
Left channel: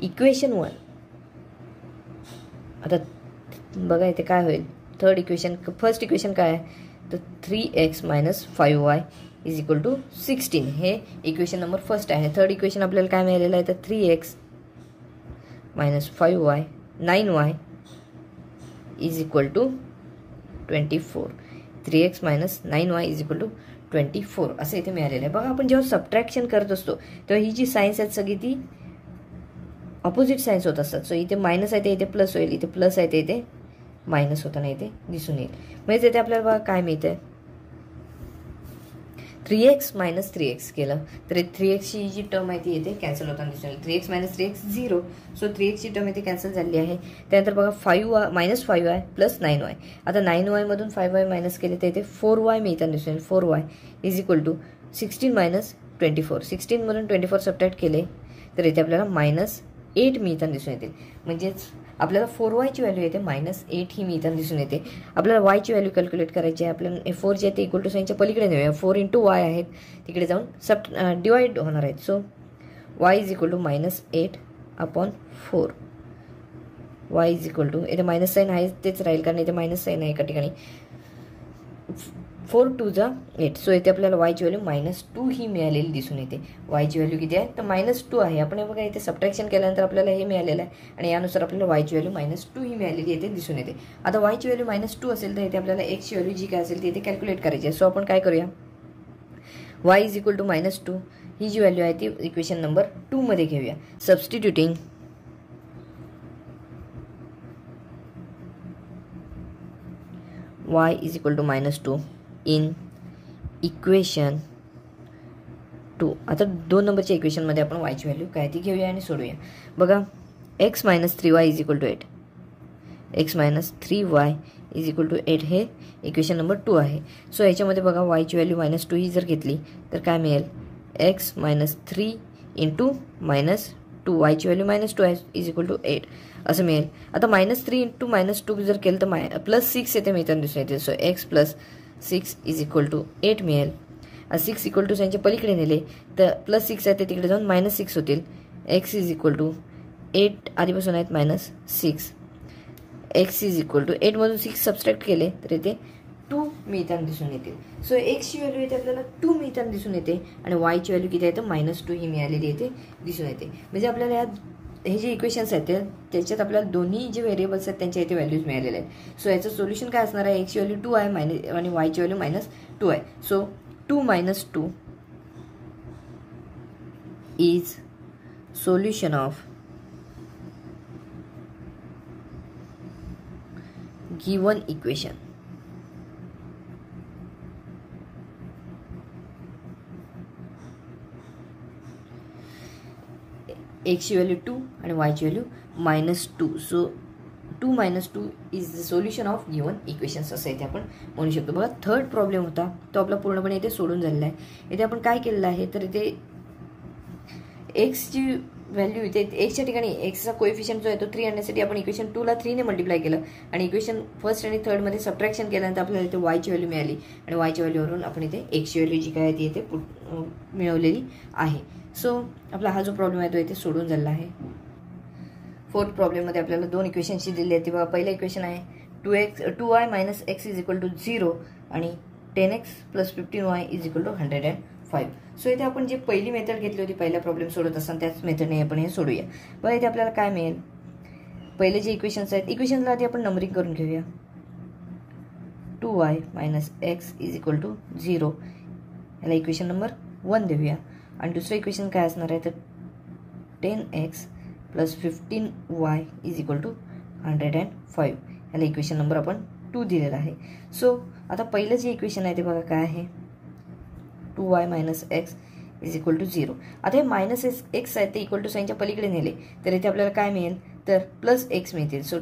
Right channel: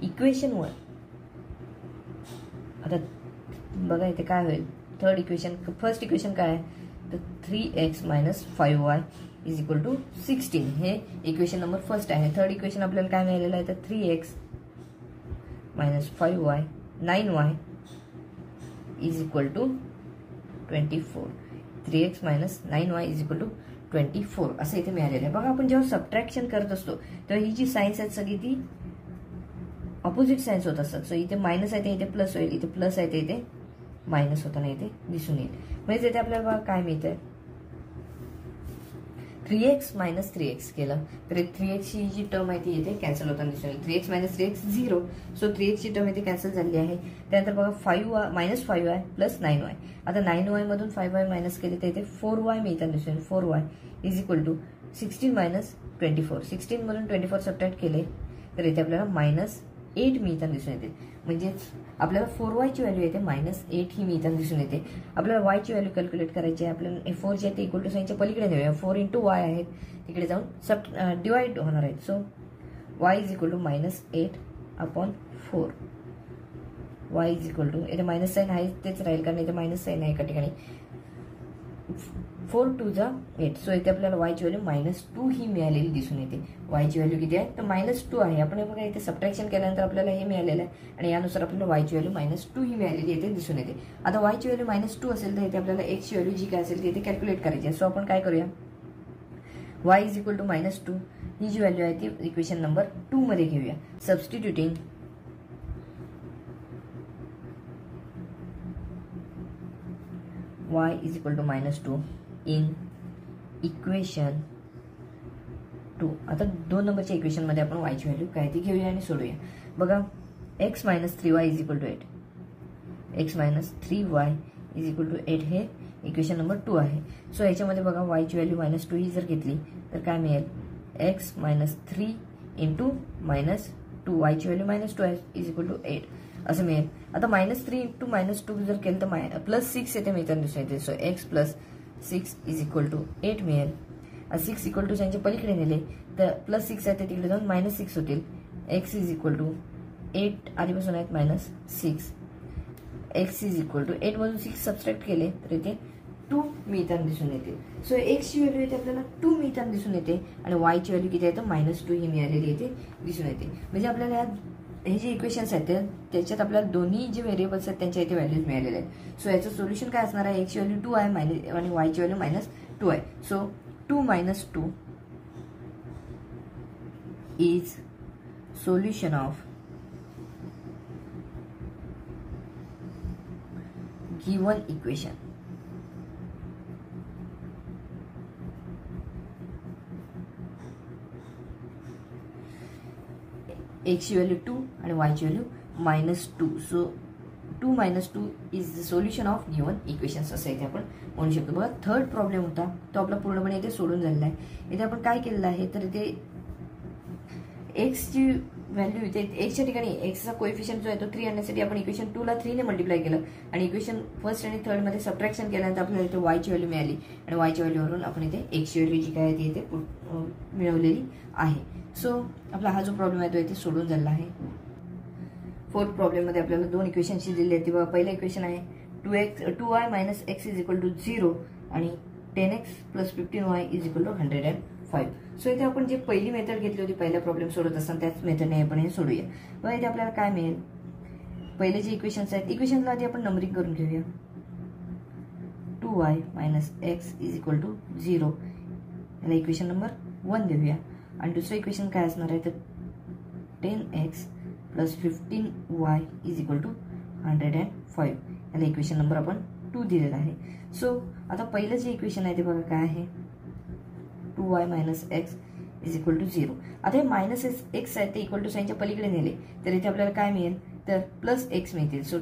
equation 1. आता बघा इथे काय होईल थर्ड इक्वेशन फर्स्ट इक्वेशन काय आहे तर 3x - 5y is equal to 16 हे इक्वेशन नंबर फर्स्ट आहे. थर्ड इक्वेशन आपल्याला काय मिळालेलं आहे तर 3x - 5y 9y is equal to 24. 3x - 9y is equal to 24 असं इथे मिळालेलं आहे. बघा आपण जेव्हा सबट्रॅक्शन करत असतो तेव्हा ही जी सायन्स आहेत सगळी ती ऑपोजिट सायन्स होत असतात. सो इथे मायनस आहे ते इथे प्लस होईल, इथे प्लस आहे ते इथे मायनस होताना इथे दिसून येईल. म्हणजे इथे आपल्याला बघा काय मिळतंय 3x - 3x केलं तर 3x ची जी टर्म आहे ती इथे कॅन्सल होताना दिसून येईल. 3x - 3x 0. सो 3x ची टर्म इथे कॅन्सल झाली आहे. त्यानंतर बघा 5y प्लस 9y. आता 9y मधून 5y मायनस केले तर इथे 4y मिळताना दिसून येईल. 4y is equal to 16 - 24. 16 मधून 24 सबट्रॅक्ट केले तर इथे आपल्याला -8 मिळताना दिसून येतील. म्हणजेच आपल्याला 4y ची व्हॅल्यू येते -8 ही मिळताना दिसून येते. आपल्याला y ची व्हॅल्यू कॅल्क्युलेट करायची आहे. आपल्याला 4 जे आहे ते इक्वल टू साईनच्या पलीकडे नेऊया. 4 × y आहेत तिकडे जाऊन डिवाइड होणार आहेत. So y is equal to -8/4. y is equal to इथे मायनस साईन आहे तेच राहील कारण इथे मायनस साईन आहे एका ठिकाणी. 4 × 2 = 8. सो इथे आपल्याला y ची व्हॅल्यू -2 ही मिळालेली दिसून येते. y ची व्हॅल्यू किती आहे तर -2 आहे. आपण बघा इथे सबट्रॅक्शन केल्यानंतर आपल्याला हे मिळालेलं आहे आणि यानुसार आपल्याला y ची व्हॅल्यू -2 ही मिळालेली इथे दिसून येते. आता y ची व्हॅल्यू -2 असेल तर इथे आपल्याला x ची व्हॅल्यू जी काय असेल ती इथे कॅल्क्युलेट करायची आहे. सो आपण काय करूया y इज इक्वल टू -2 ही जी व्हॅल्यू आहे ती इक्वेशन नंबर 2 मध्ये घेऊया. Substituting y is equal to -2 in equation 2. आता 2 नंबरच्या इक्वेशनमध्ये आपण y ची व्हॅल्यू काय ती घेऊया आणि सोडूया. बघा x - 3y is equal to 8. x - 3y is equal to 8 हे इक्वेशन नंबर 2 आहे. सो याच्यामध्ये बघा y ची व्हॅल्यू -2 ही जर घेतली तर काय मिळेल x - 3 × -2 y ची व्हॅल्यू -2 आहे इज इक्वल टू 8 असं मिळेल. आता -3 × -2 जर केलं तर +6 येथे मिळताना दिसून येते. So x + 6 is equal to 8 मिळेल. 6 इक्वल टू साईनच्या पलीकडे नेले तर +6 आहे ते तिकडे जाऊन -6 होतील. x इज इक्वल टू 8 आधीपासून आहेत -6 एक्स इज इक्वल टू 8मधून 6 सबस्ट्रॅक्ट केले तर इथे 2 मिळताना दिसून येतील. सो एक्सची व्हॅल्यू इथे आपल्याला 2 मिळताना दिसून येते आणि वायची व्हॅल्यू किती आहे तर -2 ही मिळालेली इथे दिसून येते. म्हणजे आपल्याला हे जे इक्वेशन्स आहेत त्याच्यात आपल्याला दोन्ही जे व्हेरिएबल्स आहेत त्यांच्या इथे व्हॅल्यूज मिळालेले आहेत. सो याचं सोल्युशन काय असणार आहे, एक्सची व्हॅल्यू 2 आहे आणि वायची व्हॅल्यू -2 आहे. So 2 - 2 is solution of given equation. एक्सची व्हॅल्यू 2 आणि वायची value -2. So 2 - 2 is the solution of given equations असं इथे आपण म्हणू शकतो. बघा थर्ड प्रॉब्लेम होता तो आपला पूर्णपणे इथे सोडून झालेला आहे. इथे आपण काय केलेलं आहे तर इथे एक्सची व्हॅल्यू इथे एक्सच्या ठिकाणी एक्सचा कोएफिशियंट जो आहे तो 3 आणण्यासाठी आपण इक्वेशन 2 ला 3 ने मल्टिप्लाय केलं आणि इक्वेशन फर्स्ट आणि थर्ड मध्ये सबट्रॅक्शन केल्यानंतर आपल्याला इथे वायची व्हॅल्यू मिळाली आणि वायच्या व्हॅल्यूवरून आपण इथे एक्सची व्हॅल्यू जी काय आहे ती इथे मिळवलेली आहे. सो आपला हा जो प्रॉब्लेम आहे तो इथे सोडून झाला आहे. फोर्थ प्रॉब्लेममध्ये आपल्याला 2 इक्वेशनची दिली आहे. बघा पहिलं इक्वेशन आहे 2y - x is equal to 0 आणि 10x + 15y is equal to 105. So इथे आपण जे पहिली मेथड घेतली होती पहिला प्रॉब्लेम सोडत असताना त्याच मेथडने आपण हे सोडूया. बघा इथे आपल्याला काय मिळेल, पहिले जे इक्वेशन्स आहेत इक्वेशनला आधी आपण नंबरिंग करून घेऊया. 2y - x is equal to 0 याला इक्वेशन नंबर 1 देऊया आणि दुसरं इक्वेशन काय असणार आहे तर 10x + 15y is equal to 105 याला इक्वेशन नंबर आपण 2 दिलेला आहे. सो आता पहिलं जे इक्वेशन आहे ते बघा काय आहे 2y - x is equal to 0. आता हे -x आहे ते इक्वल टू साईनच्या पलीकडे नेले तर इथे आपल्याला काय मिळेल तर +x मिळतील. So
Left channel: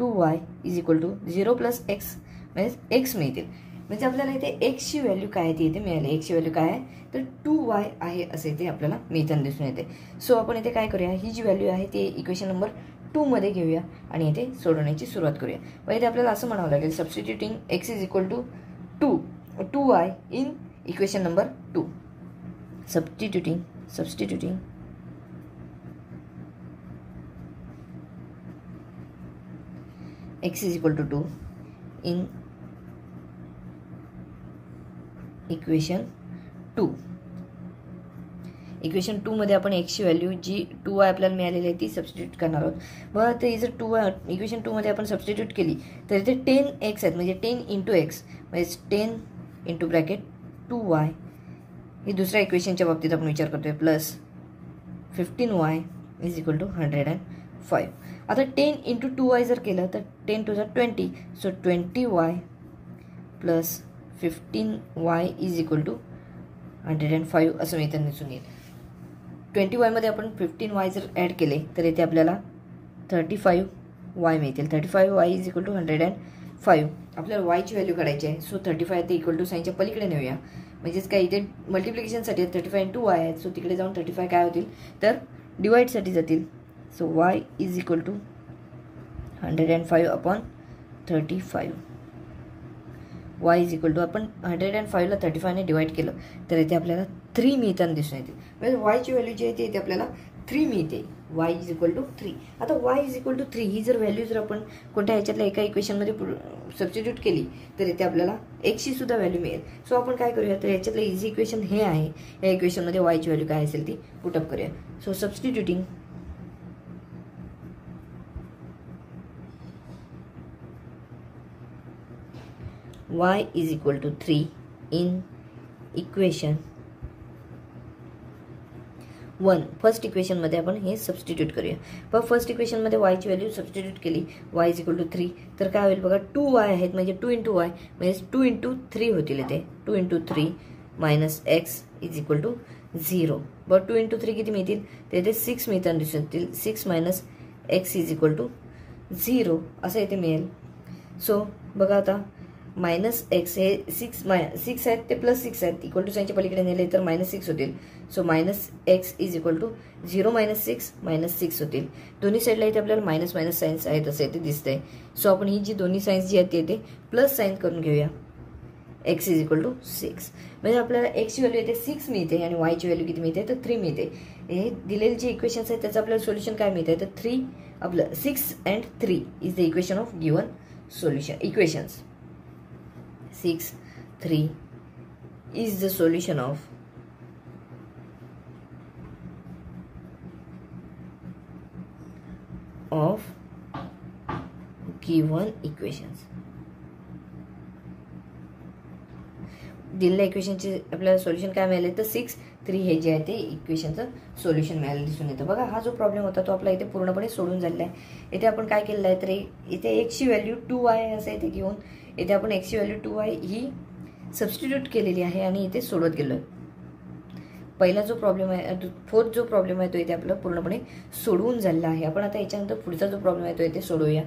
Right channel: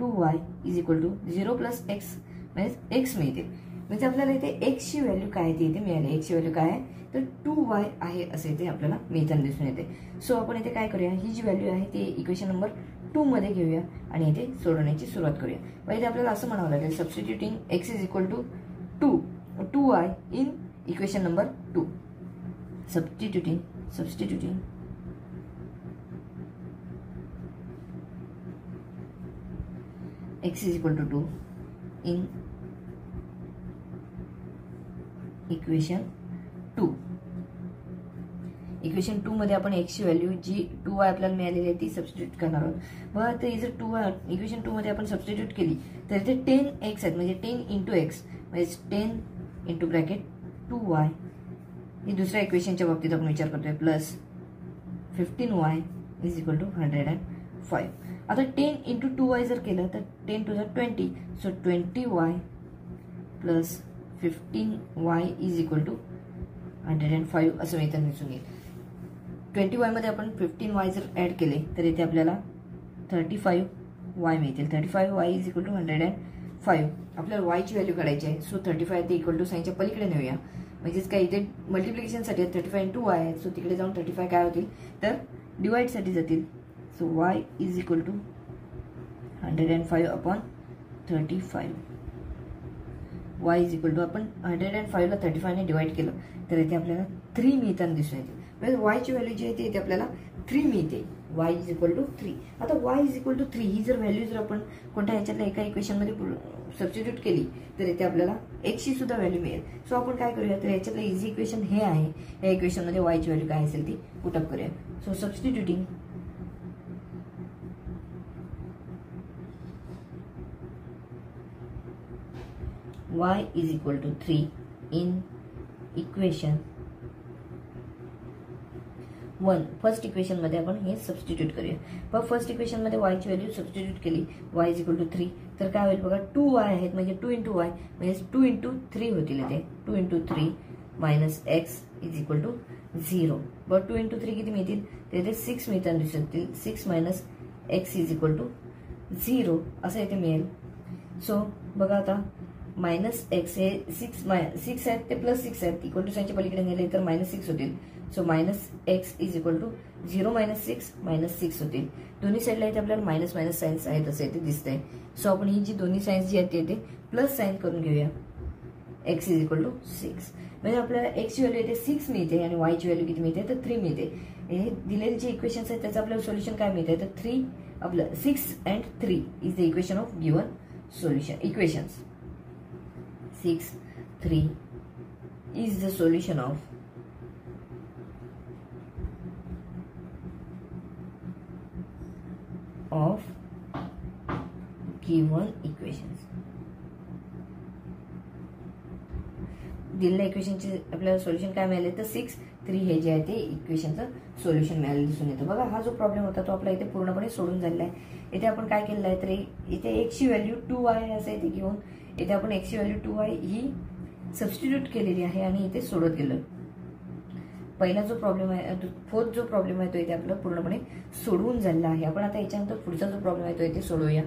2y is equal to 0 + x म्हणजे x मिळतील. म्हणजे आपल्याला इथे एक्सची व्हॅल्यू काय ती इथे मिळाली. एक्सची व्हॅल्यू काय आहे तर 2y आहे असे इथे आपल्याला मिळताना दिसून येते. सो आपण इथे काय करूया, ही जी व्हॅल्यू आहे ती इक्वेशन नंबर 2 मध्ये घेऊया आणि इथे सोडवण्याची सुरुवात करूया. मग इथे आपल्याला असं म्हणावं लागेल substituting x is equal to 2y in equation number 2. Substituting x is equal to 2 in equation 2. Equation 2 मध्ये आपण एक्सची व्हॅल्यू जी 2y आपल्याला मिळालेली आहे ती सबस्टिट्यूट करणार आहोत. बघा ते जर 2y इक्वेशन 2 मध्ये आपण सबस्टिट्यूट केली तर इथे 10x आहेत म्हणजे 10 × x म्हणजे 10 इंटू ब्रॅकेट 2y ही दुसऱ्या इक्वेशनच्या बाबतीत आपण विचार करतोय plus 15y is equal to 105. आता 10 × 2y जर केलं तर 10 × 2 = 20. So 20y plus 15y is equal to 105 असं मिळताना दिसून येईल. 20y मध्ये आपण 15y जर ॲड केले तर इथे आपल्याला 35y मिळतील. 35y is equal to 105. आपल्याला वायची व्हॅल्यू काढायची आहे. सो 35 ते इक्वल टू साईनच्या पलीकडे नेऊया. म्हणजेच काय इथे मल्टिप्लिकेशनसाठी 35 × y आहे. सो तिकडे जाऊन 35 काय होतील तर डिवाइडसाठी जातील. So y is equal to 105/35. y is equal to आपण 105 ला 35 ने डिवाइड केलं तर इथे आपल्याला 3 मिळताना दिसून येते. म्हणजे वायची व्हॅल्यू जी आहे ती इथे आपल्याला 3 मिळते. y is equal to 3. आता y इज इक्वल टू 3 ही जर व्हॅल्यू जर आपण कोणत्या ह्याच्यातल्या एका इक्वेशनमध्ये सबस्टिट्यूट केली तर इथे आपल्याला एक्सची सुद्धा व्हॅल्यू मिळेल. सो आपण काय करूया तर याच्यातलं इझी इक्वेशन हे आहे. या इक्वेशनमध्ये वायची व्हॅल्यू काय असेल ती पुटअप करूया. So substituting y is equal to 3 in equation 1. First equation मध्ये आपण हे सबस्टिट्यूट करूया. पण फर्स्ट इक्वेशन मध्ये y ची व्हॅल्यू सबस्टिट्यूट केली y is equal to 3 तर काय होईल बघा 2y आहेत म्हणजे 2 × y म्हणजे 2 × 3 होतील इथे 2 × 3 minus x is equal to 0. बघा 2 × 3 किती मिळतील तर इथे 6 मिळताना दिसून येतील. 6 minus x is equal to 0 असं इथे मिळेल. सो बघा आता -x हे 6 आहेत ते +6 आहेत इक्वल टू साईनच्या पलीकडे नेले तर -6 होतील. So -x is equal to 0 - 6 -6 होतील. दोन्ही साईडला इथे आपल्याला मायनस साईन्स आहेत असं इथे दिसतंय. सो आपण ही जी दोन्ही साईन्स जी आहेत ते इथे प्लस साईन करून घेऊया. x इज इक्वल टू 6 म्हणजे आपल्याला x ची व्हॅल्यू इथे 6 मिळते आणि y ची व्हॅल्यू किती मिळते तर 3 मिळते. हे दिलेले जे इक्वेशन्स आहेत त्याचं आपल्याला सोल्युशन काय मिळते तर 3 आपलं 6 and 3 is the equation of given solution equations. 6, 3 is the solution of given equations. दिलेल्या इक्वेशनचे आपल्याला सोल्युशन काय मिळाले तर 6, 3 हे जे आहे ते इक्वेशनचं सोल्युशन मिळालं दिसून येतं. बघा हा जो प्रॉब्लेम होता तो आपला इथे पूर्णपणे सोडून झालेला आहे. इथे आपण काय केलेलं आहे तर इथे x ची व्हॅल्यू 2y असं इथे घेऊन इथे आपण x ची व्हॅल्यू 2y ही सबस्टिट्यूट केलेली आहे आणि इथे सोडवत गेलोय. पहिला जो प्रॉब्लेम आहे फोर्थ जो प्रॉब्लेम आहे तो इथे आपला पूर्णपणे सोडवून झालेला आहे. आपण आता याच्यानंतर पुढचा जो प्रॉब्लेम आहे तो इथे सोडवूया.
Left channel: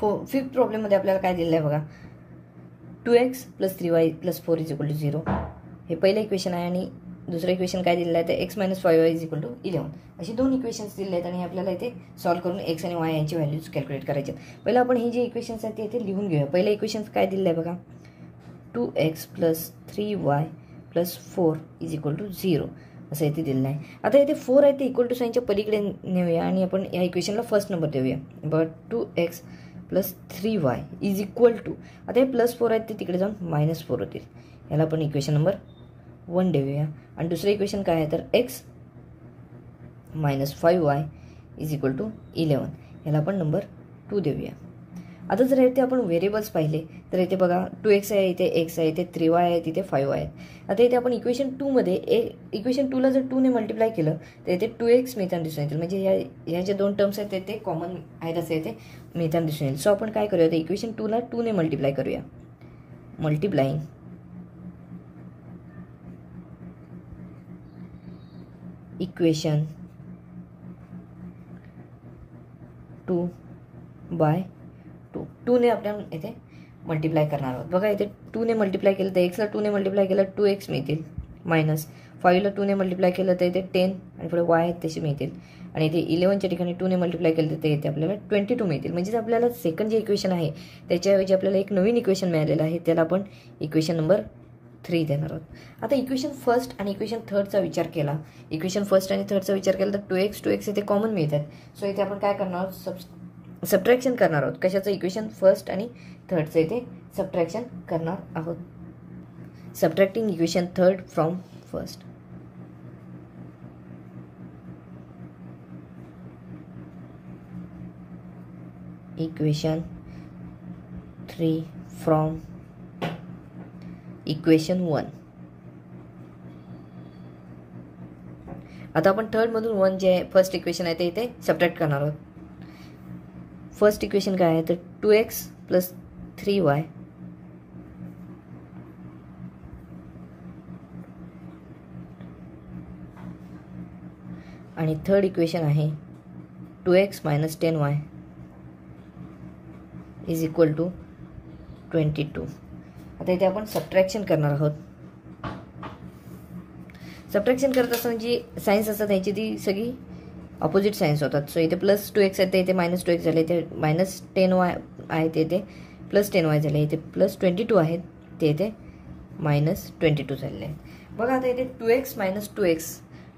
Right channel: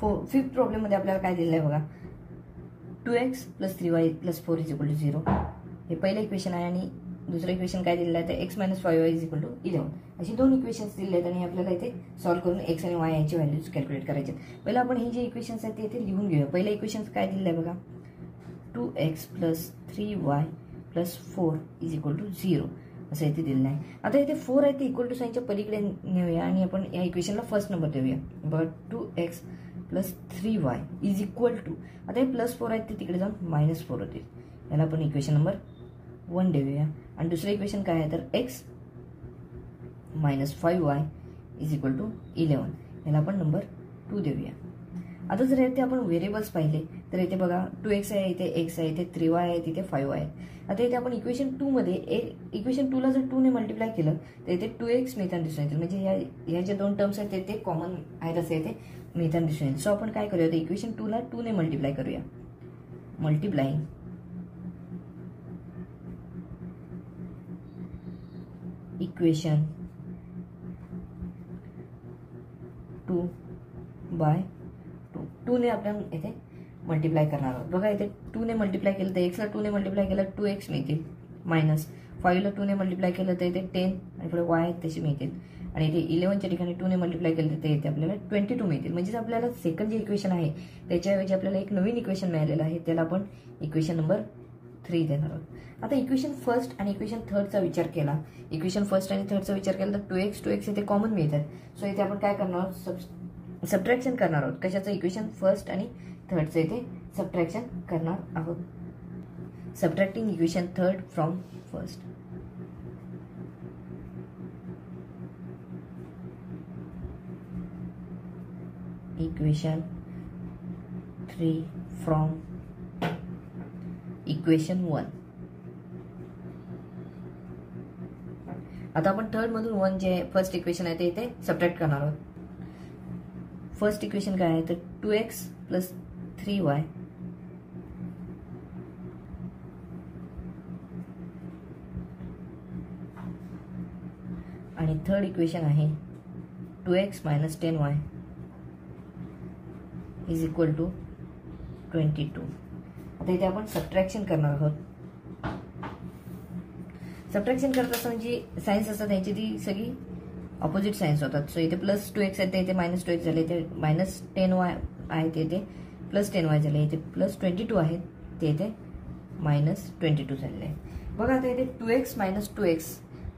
फिफ्थ प्रॉब्लेम मध्ये आपल्याला काय दिलेलं आहे बघा 2x + 3y + 4 = 0 हे पहिलं इक्वेशन आहे आणि दुसरं इक्वेशन काय दिलेलं आहे तर x - 5y = 11 अशी दोन इक्वेशन्स दिलेले आहेत आणि आपल्याला इथे सॉल्व्ह करून x आणि y यांची व्हॅल्यूज कॅल्क्युलेट करायचे आहेत. पहिलं आपण हे जे इक्वेशन्स आहेत ते इथे लिहून घेऊया. पहिलं इक्वेशन काय दिलेलं आहे बघा 2x + 3y + 4 = 0 असं इथे दिलेलं आहे. आता इथे 4 आहे ते इक्वल टू साईनच्या पलीकडे नेऊया आणि आपण या इक्वेशनला फर्स्ट नंबर देऊया. बघा 2x + 3y = आता हे +4 आहेत ते तिकडे जाऊन -4 होतील. याला आपण इक्वेशन नंबर 1 देऊया. आणि दुसरं इक्वेशन काय आहे तर x - 5y = 11 याला आपण नंबर 2 देऊया. आता जर इथे आपण व्हेरिएबल्स पाहिले तर इथे बघा 2x आहे, इथे x आहे, इथे 3y आहे, तिथे 5y आहे. आता इथे आपण इक्वेशन 2 मध्ये इक्वेशन 2 ला जर 2 ने मल्टिप्लाय केलं तर इथे 2x मिळताना दिसून येतील. म्हणजे ह्या ज्या दोन टर्म्स आहेत ते कॉमन आहेत असे इथे मिळताना दिसून येईल. सो आपण काय करूया तर इक्वेशन 2 ला 2 ने मल्टिप्लाय करूया. मल्टिप्लाइंग इक्वेशन 2 बाय 2 ने आपण इथे मल्टिप्लाय करणार आहोत. बघा इथे 2 ने मल्टिप्लाय केलं तर x ला 2 ने मल्टिप्लाय केलं 2x मिळतील मायनस 5 ला 2 ने मल्टिप्लाय केलं तर इथे 10 आणि पुढे y आहेत तसे मिळतील आणि इथे 11च्या ठिकाणी 2 ने मल्टिप्लाय केलं तर इथे आपल्याला 22 मिळतील. म्हणजे आपल्याला सेकंड जे इक्वेशन आहे त्याच्याऐवजी आपल्याला एक नवीन इक्वेशन मिळालेलं आहे त्याला आपण इक्वेशन नंबर 3 देणार आहोत. आता इक्वेशन फर्स्ट आणि इक्वेशन थर्डचा विचार केला. इक्वेशन फर्स्ट आणि थर्डचा विचार केला तर 2x इथे कॉमन मिळतात. सो इथे आपण काय करणार आहोत सबट्रॅक्शन करणार आहोत. कशाचं इक्वेशन फर्स्ट आणि थर्डचं इथे सबट्रॅक्शन करणार आहोत. Subtracting equation third from first. Equation 3 from equation 1. आता आपण थर्ड मधून 1 जे फर्स्ट इक्वेशन आहे ते इथे सबट्रॅक्ट करणार आहोत. फर्स्ट इक्वेशन काय आहे तर 2x + 3y आणि थर्ड इक्वेशन आहे 2x - 10y = 22. आता इथे आपण सबट्रॅक्शन करणार आहोत. सबट्रॅक्शन करत असताना जी सायन्स असतात त्यांची ती सगळी ऑपोजिट सायन्स होतात. सो इथे +2x आहे ते इथे -2x झाले, इथे -10y आहे ते इथे +10y झाले, इथे +22 आहेत ते इथे -22 झालेले आहे. बघा आता इथे 2x -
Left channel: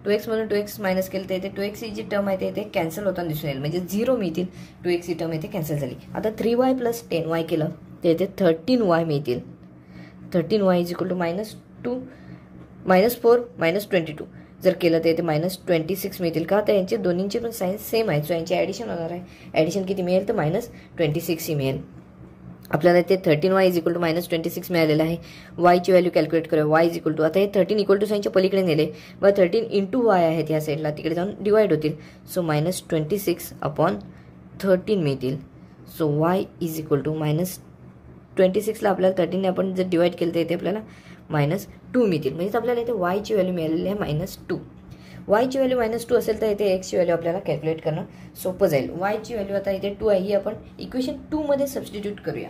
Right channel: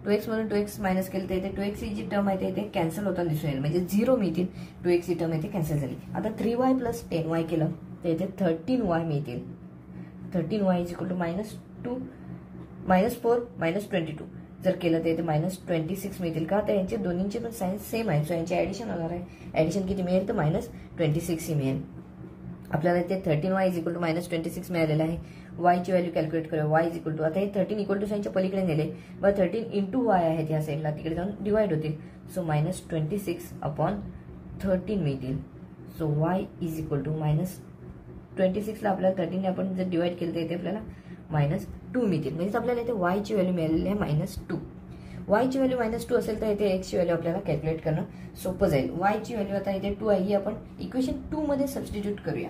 2x मधून 2x मायनस केलं तर इथे 2x ही जी टर्म आहे ते इथे कॅन्सल होताना दिसून येईल. म्हणजे 0 मिळतील. 2x ही टर्म इथे कॅन्सल झाली. आता 3y + 10y केलं तर इथे 13y मिळतील. 13y = -2 -4 -22 जर केलं तर इथे -26 मिळतील. का तर यांचे दोन्हींचे पण सायन्स सेम आहे. सो यांची ॲडिशन होणार आहे. ॲडिशन किती मिळेल तर -26 ही मिळेल. आपल्याला ते 13y = -26 मिळालेलं आहे. y ची व्हॅल्यू कॅल्क्युलेट करूया. y = आता हे 13 = साईनच्या पलीकडे नेले व 13 × y आहेत या साईडला तिकडे जाऊन डिवाइड होतील. सो -26/13 मिळतील. सो y = -26 ला आपल्याला 13 ने आपण जर डिवाइड केलं तर इथे आपल्याला -2 मिळतील. म्हणजे आपल्याला इथे y ची व्हॅल्यू मिळालेली आहे -2. y ची व्हॅल्यू -2 असेल तर इथे x ची व्हॅल्यू आपल्याला कॅल्क्युलेट करणं सोपं जाईल. y ची व्हॅल्यू आता इथे 2 आहे ही आपण इक्वेशन 2 मध्ये सबस्टिट्यूट करूया.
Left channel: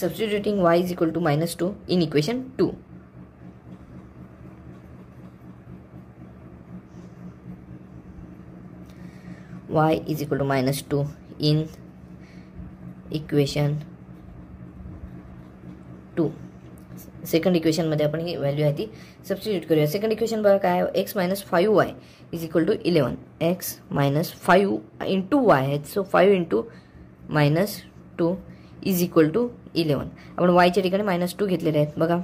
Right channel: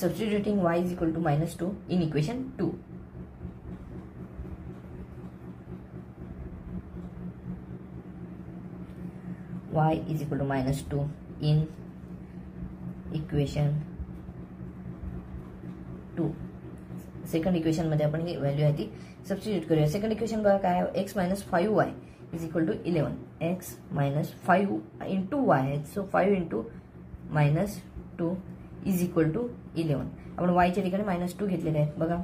Substituting y = -2 in equation 2. y = -2 in equation 2. Second इक्वेशनमध्ये आपण ही व्हॅल्यू आहे ती सबस्टिट्यूट करूया. सेकंड इक्वेशन बघा काय आहे, x minus 5y is equal to 11. X minus 5 into y आहे, so 5 into -2 is equal to 11. आपण वायच्या ठिकाणी -2 घेतलेले आहेत. बघा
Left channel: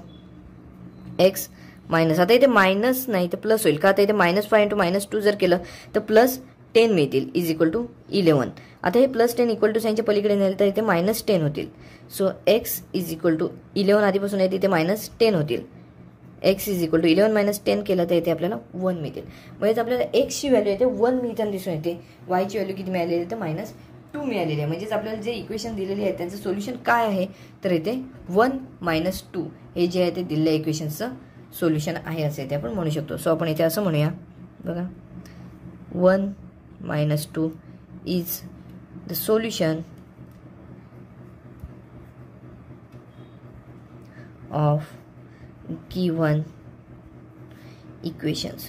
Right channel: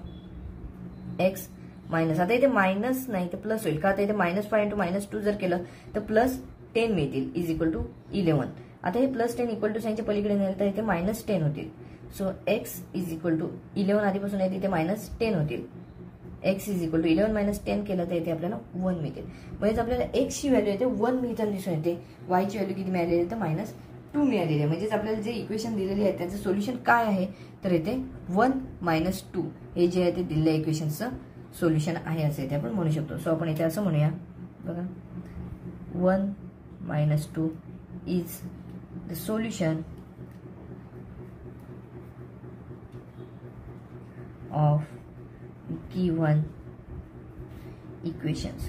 एक्स मायनस, आता इथे मायनस नाही तर प्लस होईल का, आता इथे -5 इंटू -2 जर केलं तर +10 मिळतील इज इक्वल टू 11. आता हे +10 इक्वल टू साईनच्या पलीकडे नेलं तर इथे -10 होतील. So x is equal to 11 आधीपासून आहे तिथे -10 होतील. एक्स इज इक्वल टू 11 - 10 केलं तर इथे आपल्याला 1 मिळतील. म्हणजे आपल्याला एक्सची व्हॅल्यू येते 1 मिळताना दिसून येते. वायची व्हॅल्यू किती मिळालेली आहे तर -2 मिळालेली आहे. म्हणजेच आपल्याला जे इक्वेशन दिलेली आहे त्याचं सोल्युशन काय आहे तर इथे 1 - 2 हे जे आहे ते दिलेल्या इक्वेशनचं सोल्युशन आहे असे इथे आपण म्हणू शकतो. सो आपण इथे असं म्हणूया बघा 1 - 2 is the solution of given equations.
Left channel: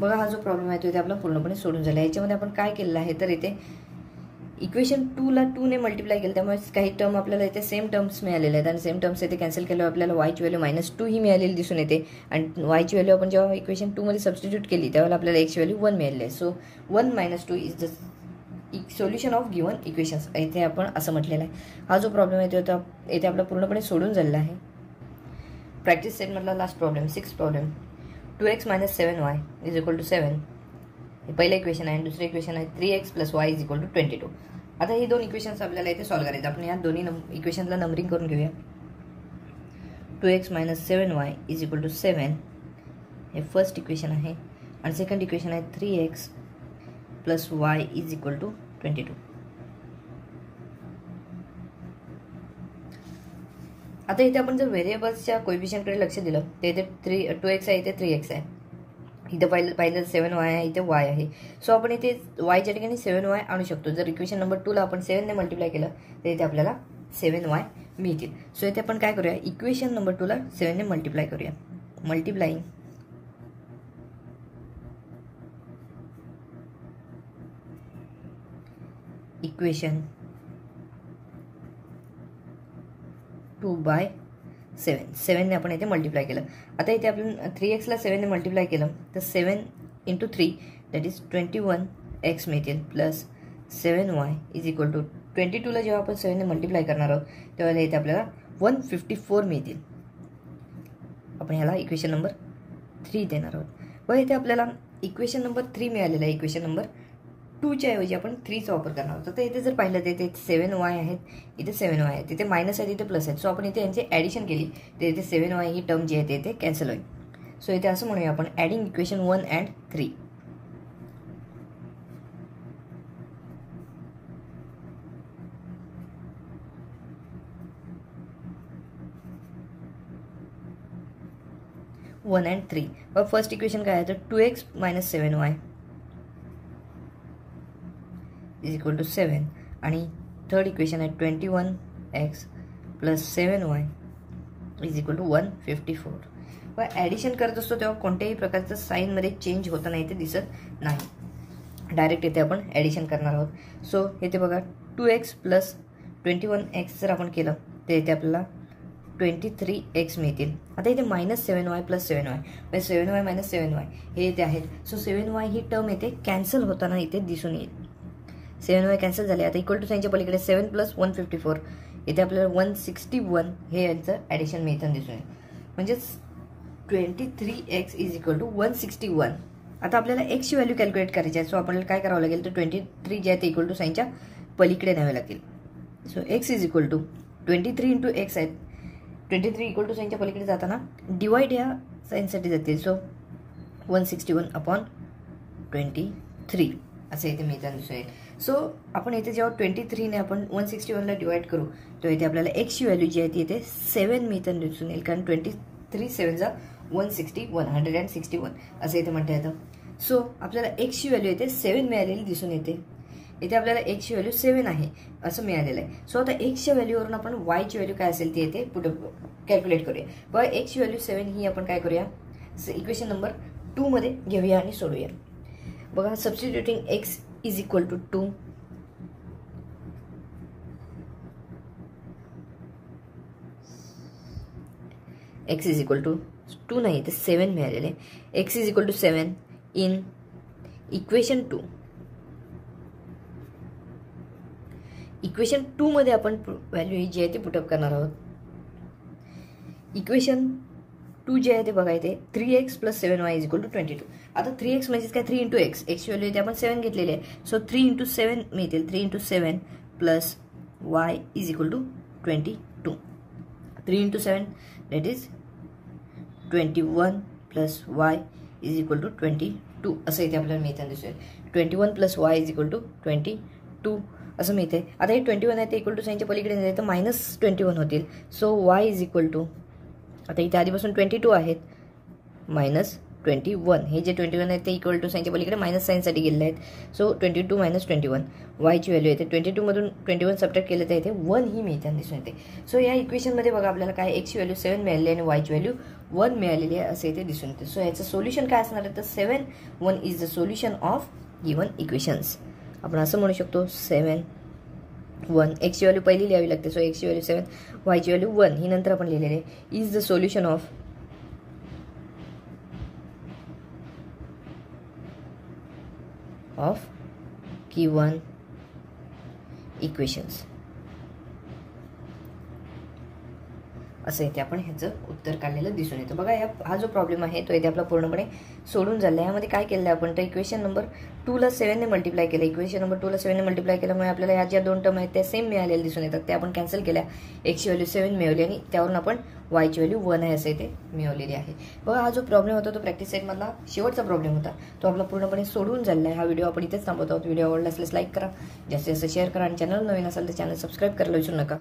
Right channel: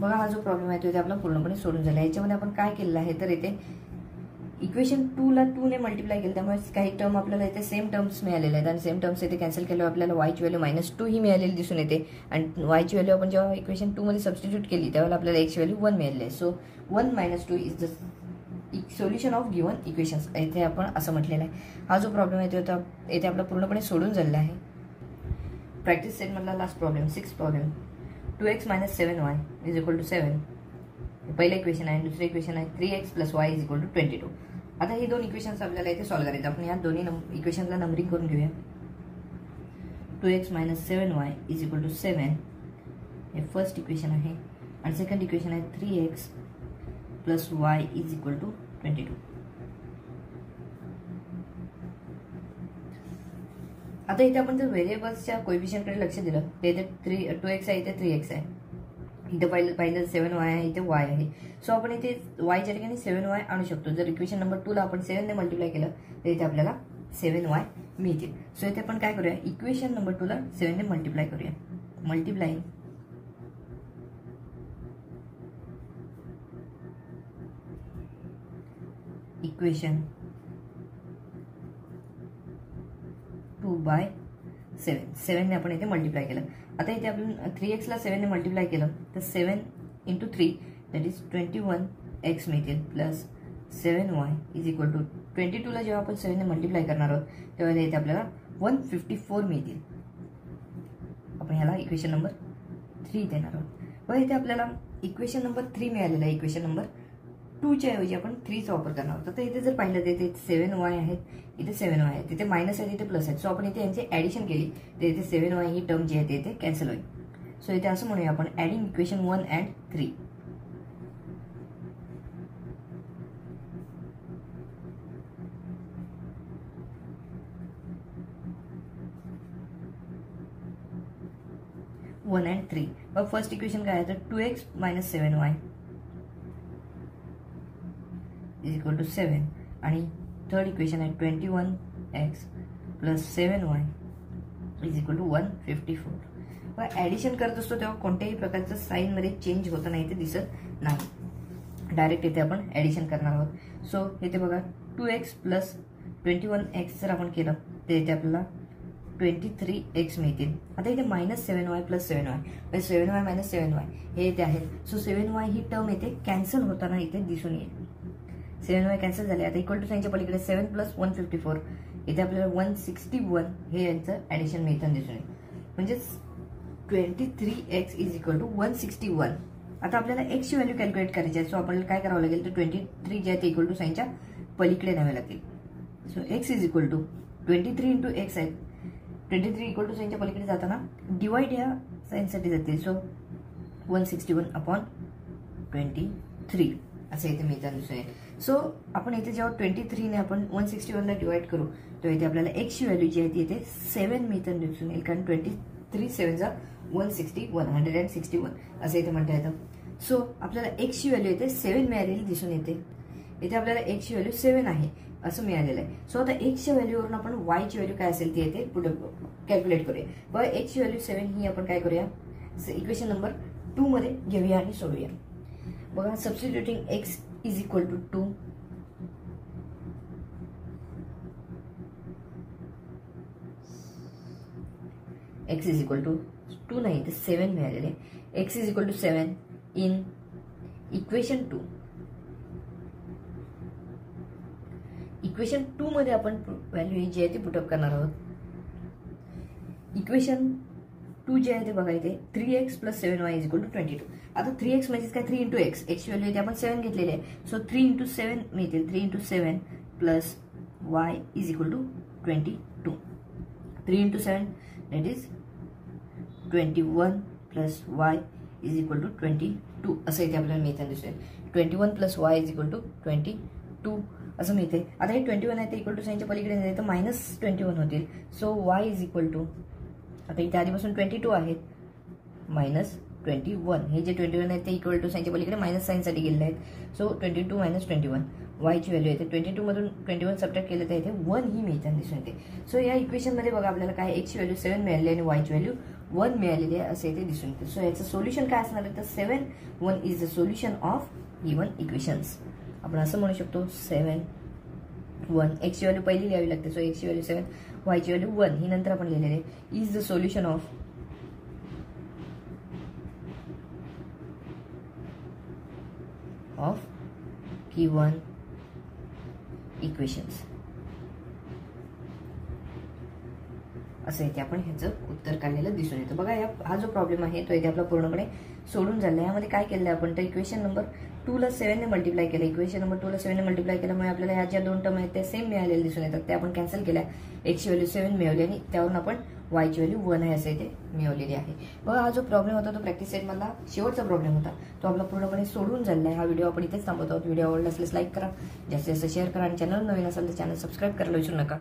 बघा हा जो प्रॉब्लेम आहे तो इथे आपला पूर्णपणे सोडून झाला. याच्यामध्ये आपण काय केलेलं आहे तर इथे इक्वेशन 2 ला 2 ने मल्टिप्लाय केलं, त्यामुळे काही टर्म आपल्याला इथे सेम टर्म्स मिळालेले आहेत आणि सेम टर्म्स इथे कॅन्सल केल्यावर आपल्याला वायची व्हॅल्यू -2 ही मिळालेली दिसून येते. आणि वायची व्हॅल्यू आपण जेव्हा इक्वेशन 2 मध्ये सबस्टिट्यूट केली त्यावेळेला आपल्याला एक्सची व्हॅल्यू 1 मिळाली आहे. So 1 - 2 is the solution of given equations इथे आपण असं म्हटलेलं आहे. हा जो प्रॉब्लेम आहे तो इथे आपला पूर्णपणे सोडून झालेला आहे. प्रॅक्टिस सेट मधला last problem 6 problem 2x - 7y is equal to 7. हे पहिलं इक्वेशन आहे. दुसरं इक्वेशन आहे 3x + y is equal to 22. आता ही दोन इक्वेशन्स आपल्याला इथे सॉल्व्ह करायचे. आपण या दोन्ही इक्वेशनला नंबरिंग करून घेऊया. 2x - 7y is equal to 7 हे फर्स्ट इक्वेशन आहे आणि सेकंड इक्वेशन आहे 3x + y is equal to 22. आता इथे आपण जर व्हेरिएबल्सच्या कोएफिशियंटकडे लक्ष दिलं तर इथे 2x आहे, इथे 3x आहे, इथे पाहिलं 7y आहे, इथे y आहे. सो आपण इथे yच्या ठिकाणी 7y आणू शकतो. जर इक्वेशन नंबर 2 ला आपण 7 ने मल्टिप्लाय केलं तर इथे आपल्याला 7y मिळतील. सो इथे आपण काय करूया, इक्वेशन नंबर 2 ला 7 ने मल्टिप्लाय करूया. मल्टिप्लाइंग इक्वेशन 2/7 ने आपण इथे मल्टिप्लाय केलं. आता इथे आपण 3x ला 7 ने मल्टिप्लाय केलं तर 7 × 3 दॅट इज 21x मिळतील plus 7y is equal to 22 ला जेव्हा आपण 7 ने मल्टिप्लाय करणार आहोत तेव्हा इथे आपल्याला 154 मिळतील. आपण ह्याला इक्वेशन नंबर 3 देणार आहोत. व इथे आपल्याला इक्वेशन नंबर 3 मिळालेलं आहे. इक्वेशन नंबर 2 च्या ऐवजी आपण 3 चा वापर करणार आहोत. तर इथे जर पाहिलं तर इथे 7y आहेत, इथे 7y आहेत, तिथे मायनस आहे, इथे प्लस आहेत. सो आपण इथे यांची ऍडिशन केली तर इथे 7y ही टर्म जी आहे ते इथे कॅन्सल होईल. सो इथे असं म्हणूया आपण adding equation 1 and 3. First equation काय आहे तर 2x - 7y is equal to 7 आणि थर्ड इक्वेशन आहे 21x + 7y is equal to 154. व ॲडिशन करत असतो तेव्हा कोणत्याही प्रकारचं साईनमध्ये चेंज होताना इथे दिसत नाही. डायरेक्ट इथे आपण ॲडिशन करणार आहोत. सो इथे बघा 2x + 21x जर आपण केलं तर इथे आपल्याला 23x मिळतील. आता इथे -7y + 7y म्हणजे 7y - 7y हे इथे आहेत. सो 7y ही टर्म इथे कॅन्सल होताना इथे दिसून येईल. 7y कॅन्सल झाले. आता इक्वल टू साईनच्या पलीकडे 7 + 154 इथे आपल्याला 161 हे यांचं ॲडिशन मिळताना दिसून येईल. म्हणजेच 23x इज इक्वल टू 161. आता आपल्याला x ची व्हॅल्यू कॅल्क्युलेट करायची आहे. सो आपल्याला काय करावं लागेल तर 23 जे आहे ते इक्वल टू साईनच्या पलीकडे न्यावे लागतील. So x is equal to 23 × x आहेत. 23 इक्वल टू साईनच्या पलीकडे जाताना डिवाइड या साईनसाठी जातील. सो 161/23 असं इथे मिळताना दिसून येईल. सो आपण इथे जेव्हा 23 ने आपण 161 ला डिवाइड करू तेव्हा इथे आपल्याला x ची व्हॅल्यू जी आहे ती इथे 7 मिळताना दिसून येईल. कारण 23 7 जा 161 असं इथे म्हणता येतं. सो आपल्याला x ची व्हॅल्यू इथे 7 मिळालेली दिसून येते. इथे आपल्याला x ची व्हॅल्यू 7 आहे असं मिळालेलं आहे. सो आता x च्या व्हॅल्यूवरून आपण y ची व्हॅल्यू काय असेल ती इथे पुढे कॅल्क्युलेट करूया. बघा x ची व्हॅल्यू 7 ही आपण काय करूया इक्वेशन नंबर 2 मध्ये घेऊया आणि सोडूया. बघा substituting x is equal to 2 x is equal to 2 नाही ते 7 मिळालेले. X is equal to 7 in equation 2. Equation 2 मध्ये आपण व्हॅल्यू जी आहे ती पुटअप करणार आहोत. इक्वेशन 2 जे आहे ते बघा इथे 3x + 7y = 22. आता 3x म्हणजे काय 3 × x. एक्सची व्हॅल्यू इथे आपण 7 घेतलेली आहे. सो 3 × 7 मिळतील. 3 × 7 + y = 22. 3 × 7 that is 21 + y = 22 असं इथे आपल्याला मिळताना दिसेल. 21 + y = 22 असं मिळते. आता हे 21 आहे ते इक्वल टू साईनच्या पलीकडे नाही तर -21 होतील. सो y = आता इथे आधीपासून 22 आहेत -21. हे जे 21 आहेत ते इक्वल टू साईनच्या पलीकडे मायनस साईनसाठी गेलेले आहेत. सो 22 - 21 वायची व्हॅल्यू येते. 22 मधून 21 सबट्रॅक्ट केलं तर इथे 1 ही मिळताना दिसून येते. सो या इक्वेशनमध्ये बघा आपल्याला काय एक्सची व्हॅल्यू 7 मिळालेली आहे आणि वायची व्हॅल्यू 1 मिळालेली आहे असं इथे दिसून येते. सो याचं सोल्युशन काय असणार आहे तर 7 1 is the solution of given equations. आपण असं म्हणू शकतो 7 1 एक्सची व्हॅल्यू पहिली लिहावी लागते. सो एक्सची व्हॅल्यू 7 वायची व्हॅल्यू 1 ही नंतर आपण लिहिलेली आहे. Is the solution of given equations असं इथे आपण ह्याचं उत्तर काढलेलं दिसून येतं. बघा हा जो प्रॉब्लेम आहे तो इथे आपला पूर्णपणे सोडून झाला. यामध्ये काय केलं आपण तर इक्वेशन नंबर 2 ला 7 ने मल्टिप्लाय केलं. इक्वेशन नंबर 2 ला 7 ने मल्टिप्लाय केल्यामुळे आपल्याला ह्या ज्या 2 टर्म आहेत त्या सेम मिळालेल्या दिसून येतात. त्या आपण कॅन्सल केल्या. एक्सची व्हॅल्यू 7 मिळवली आणि त्यावरून आपण वायची व्हॅल्यू 1 आहे असं इथे मिळवलेली आहे. बघा हा जो प्रॉब्लेम होता तो प्रॅक्टिस सेटमधला शेवटचा प्रॉब्लेम होता. तो आपला पूर्णपणे सोडून झाला आहे. हा व्हिडिओ आपण इथेच थांबवतो आहोत. व्हिडिओ आवडला असल्यास लाईक करा, जास्तीत जास्त शेअर करा आणि चॅनल नवीन असेल तर चॅनल सबस्क्राईब करायला विसरू नका.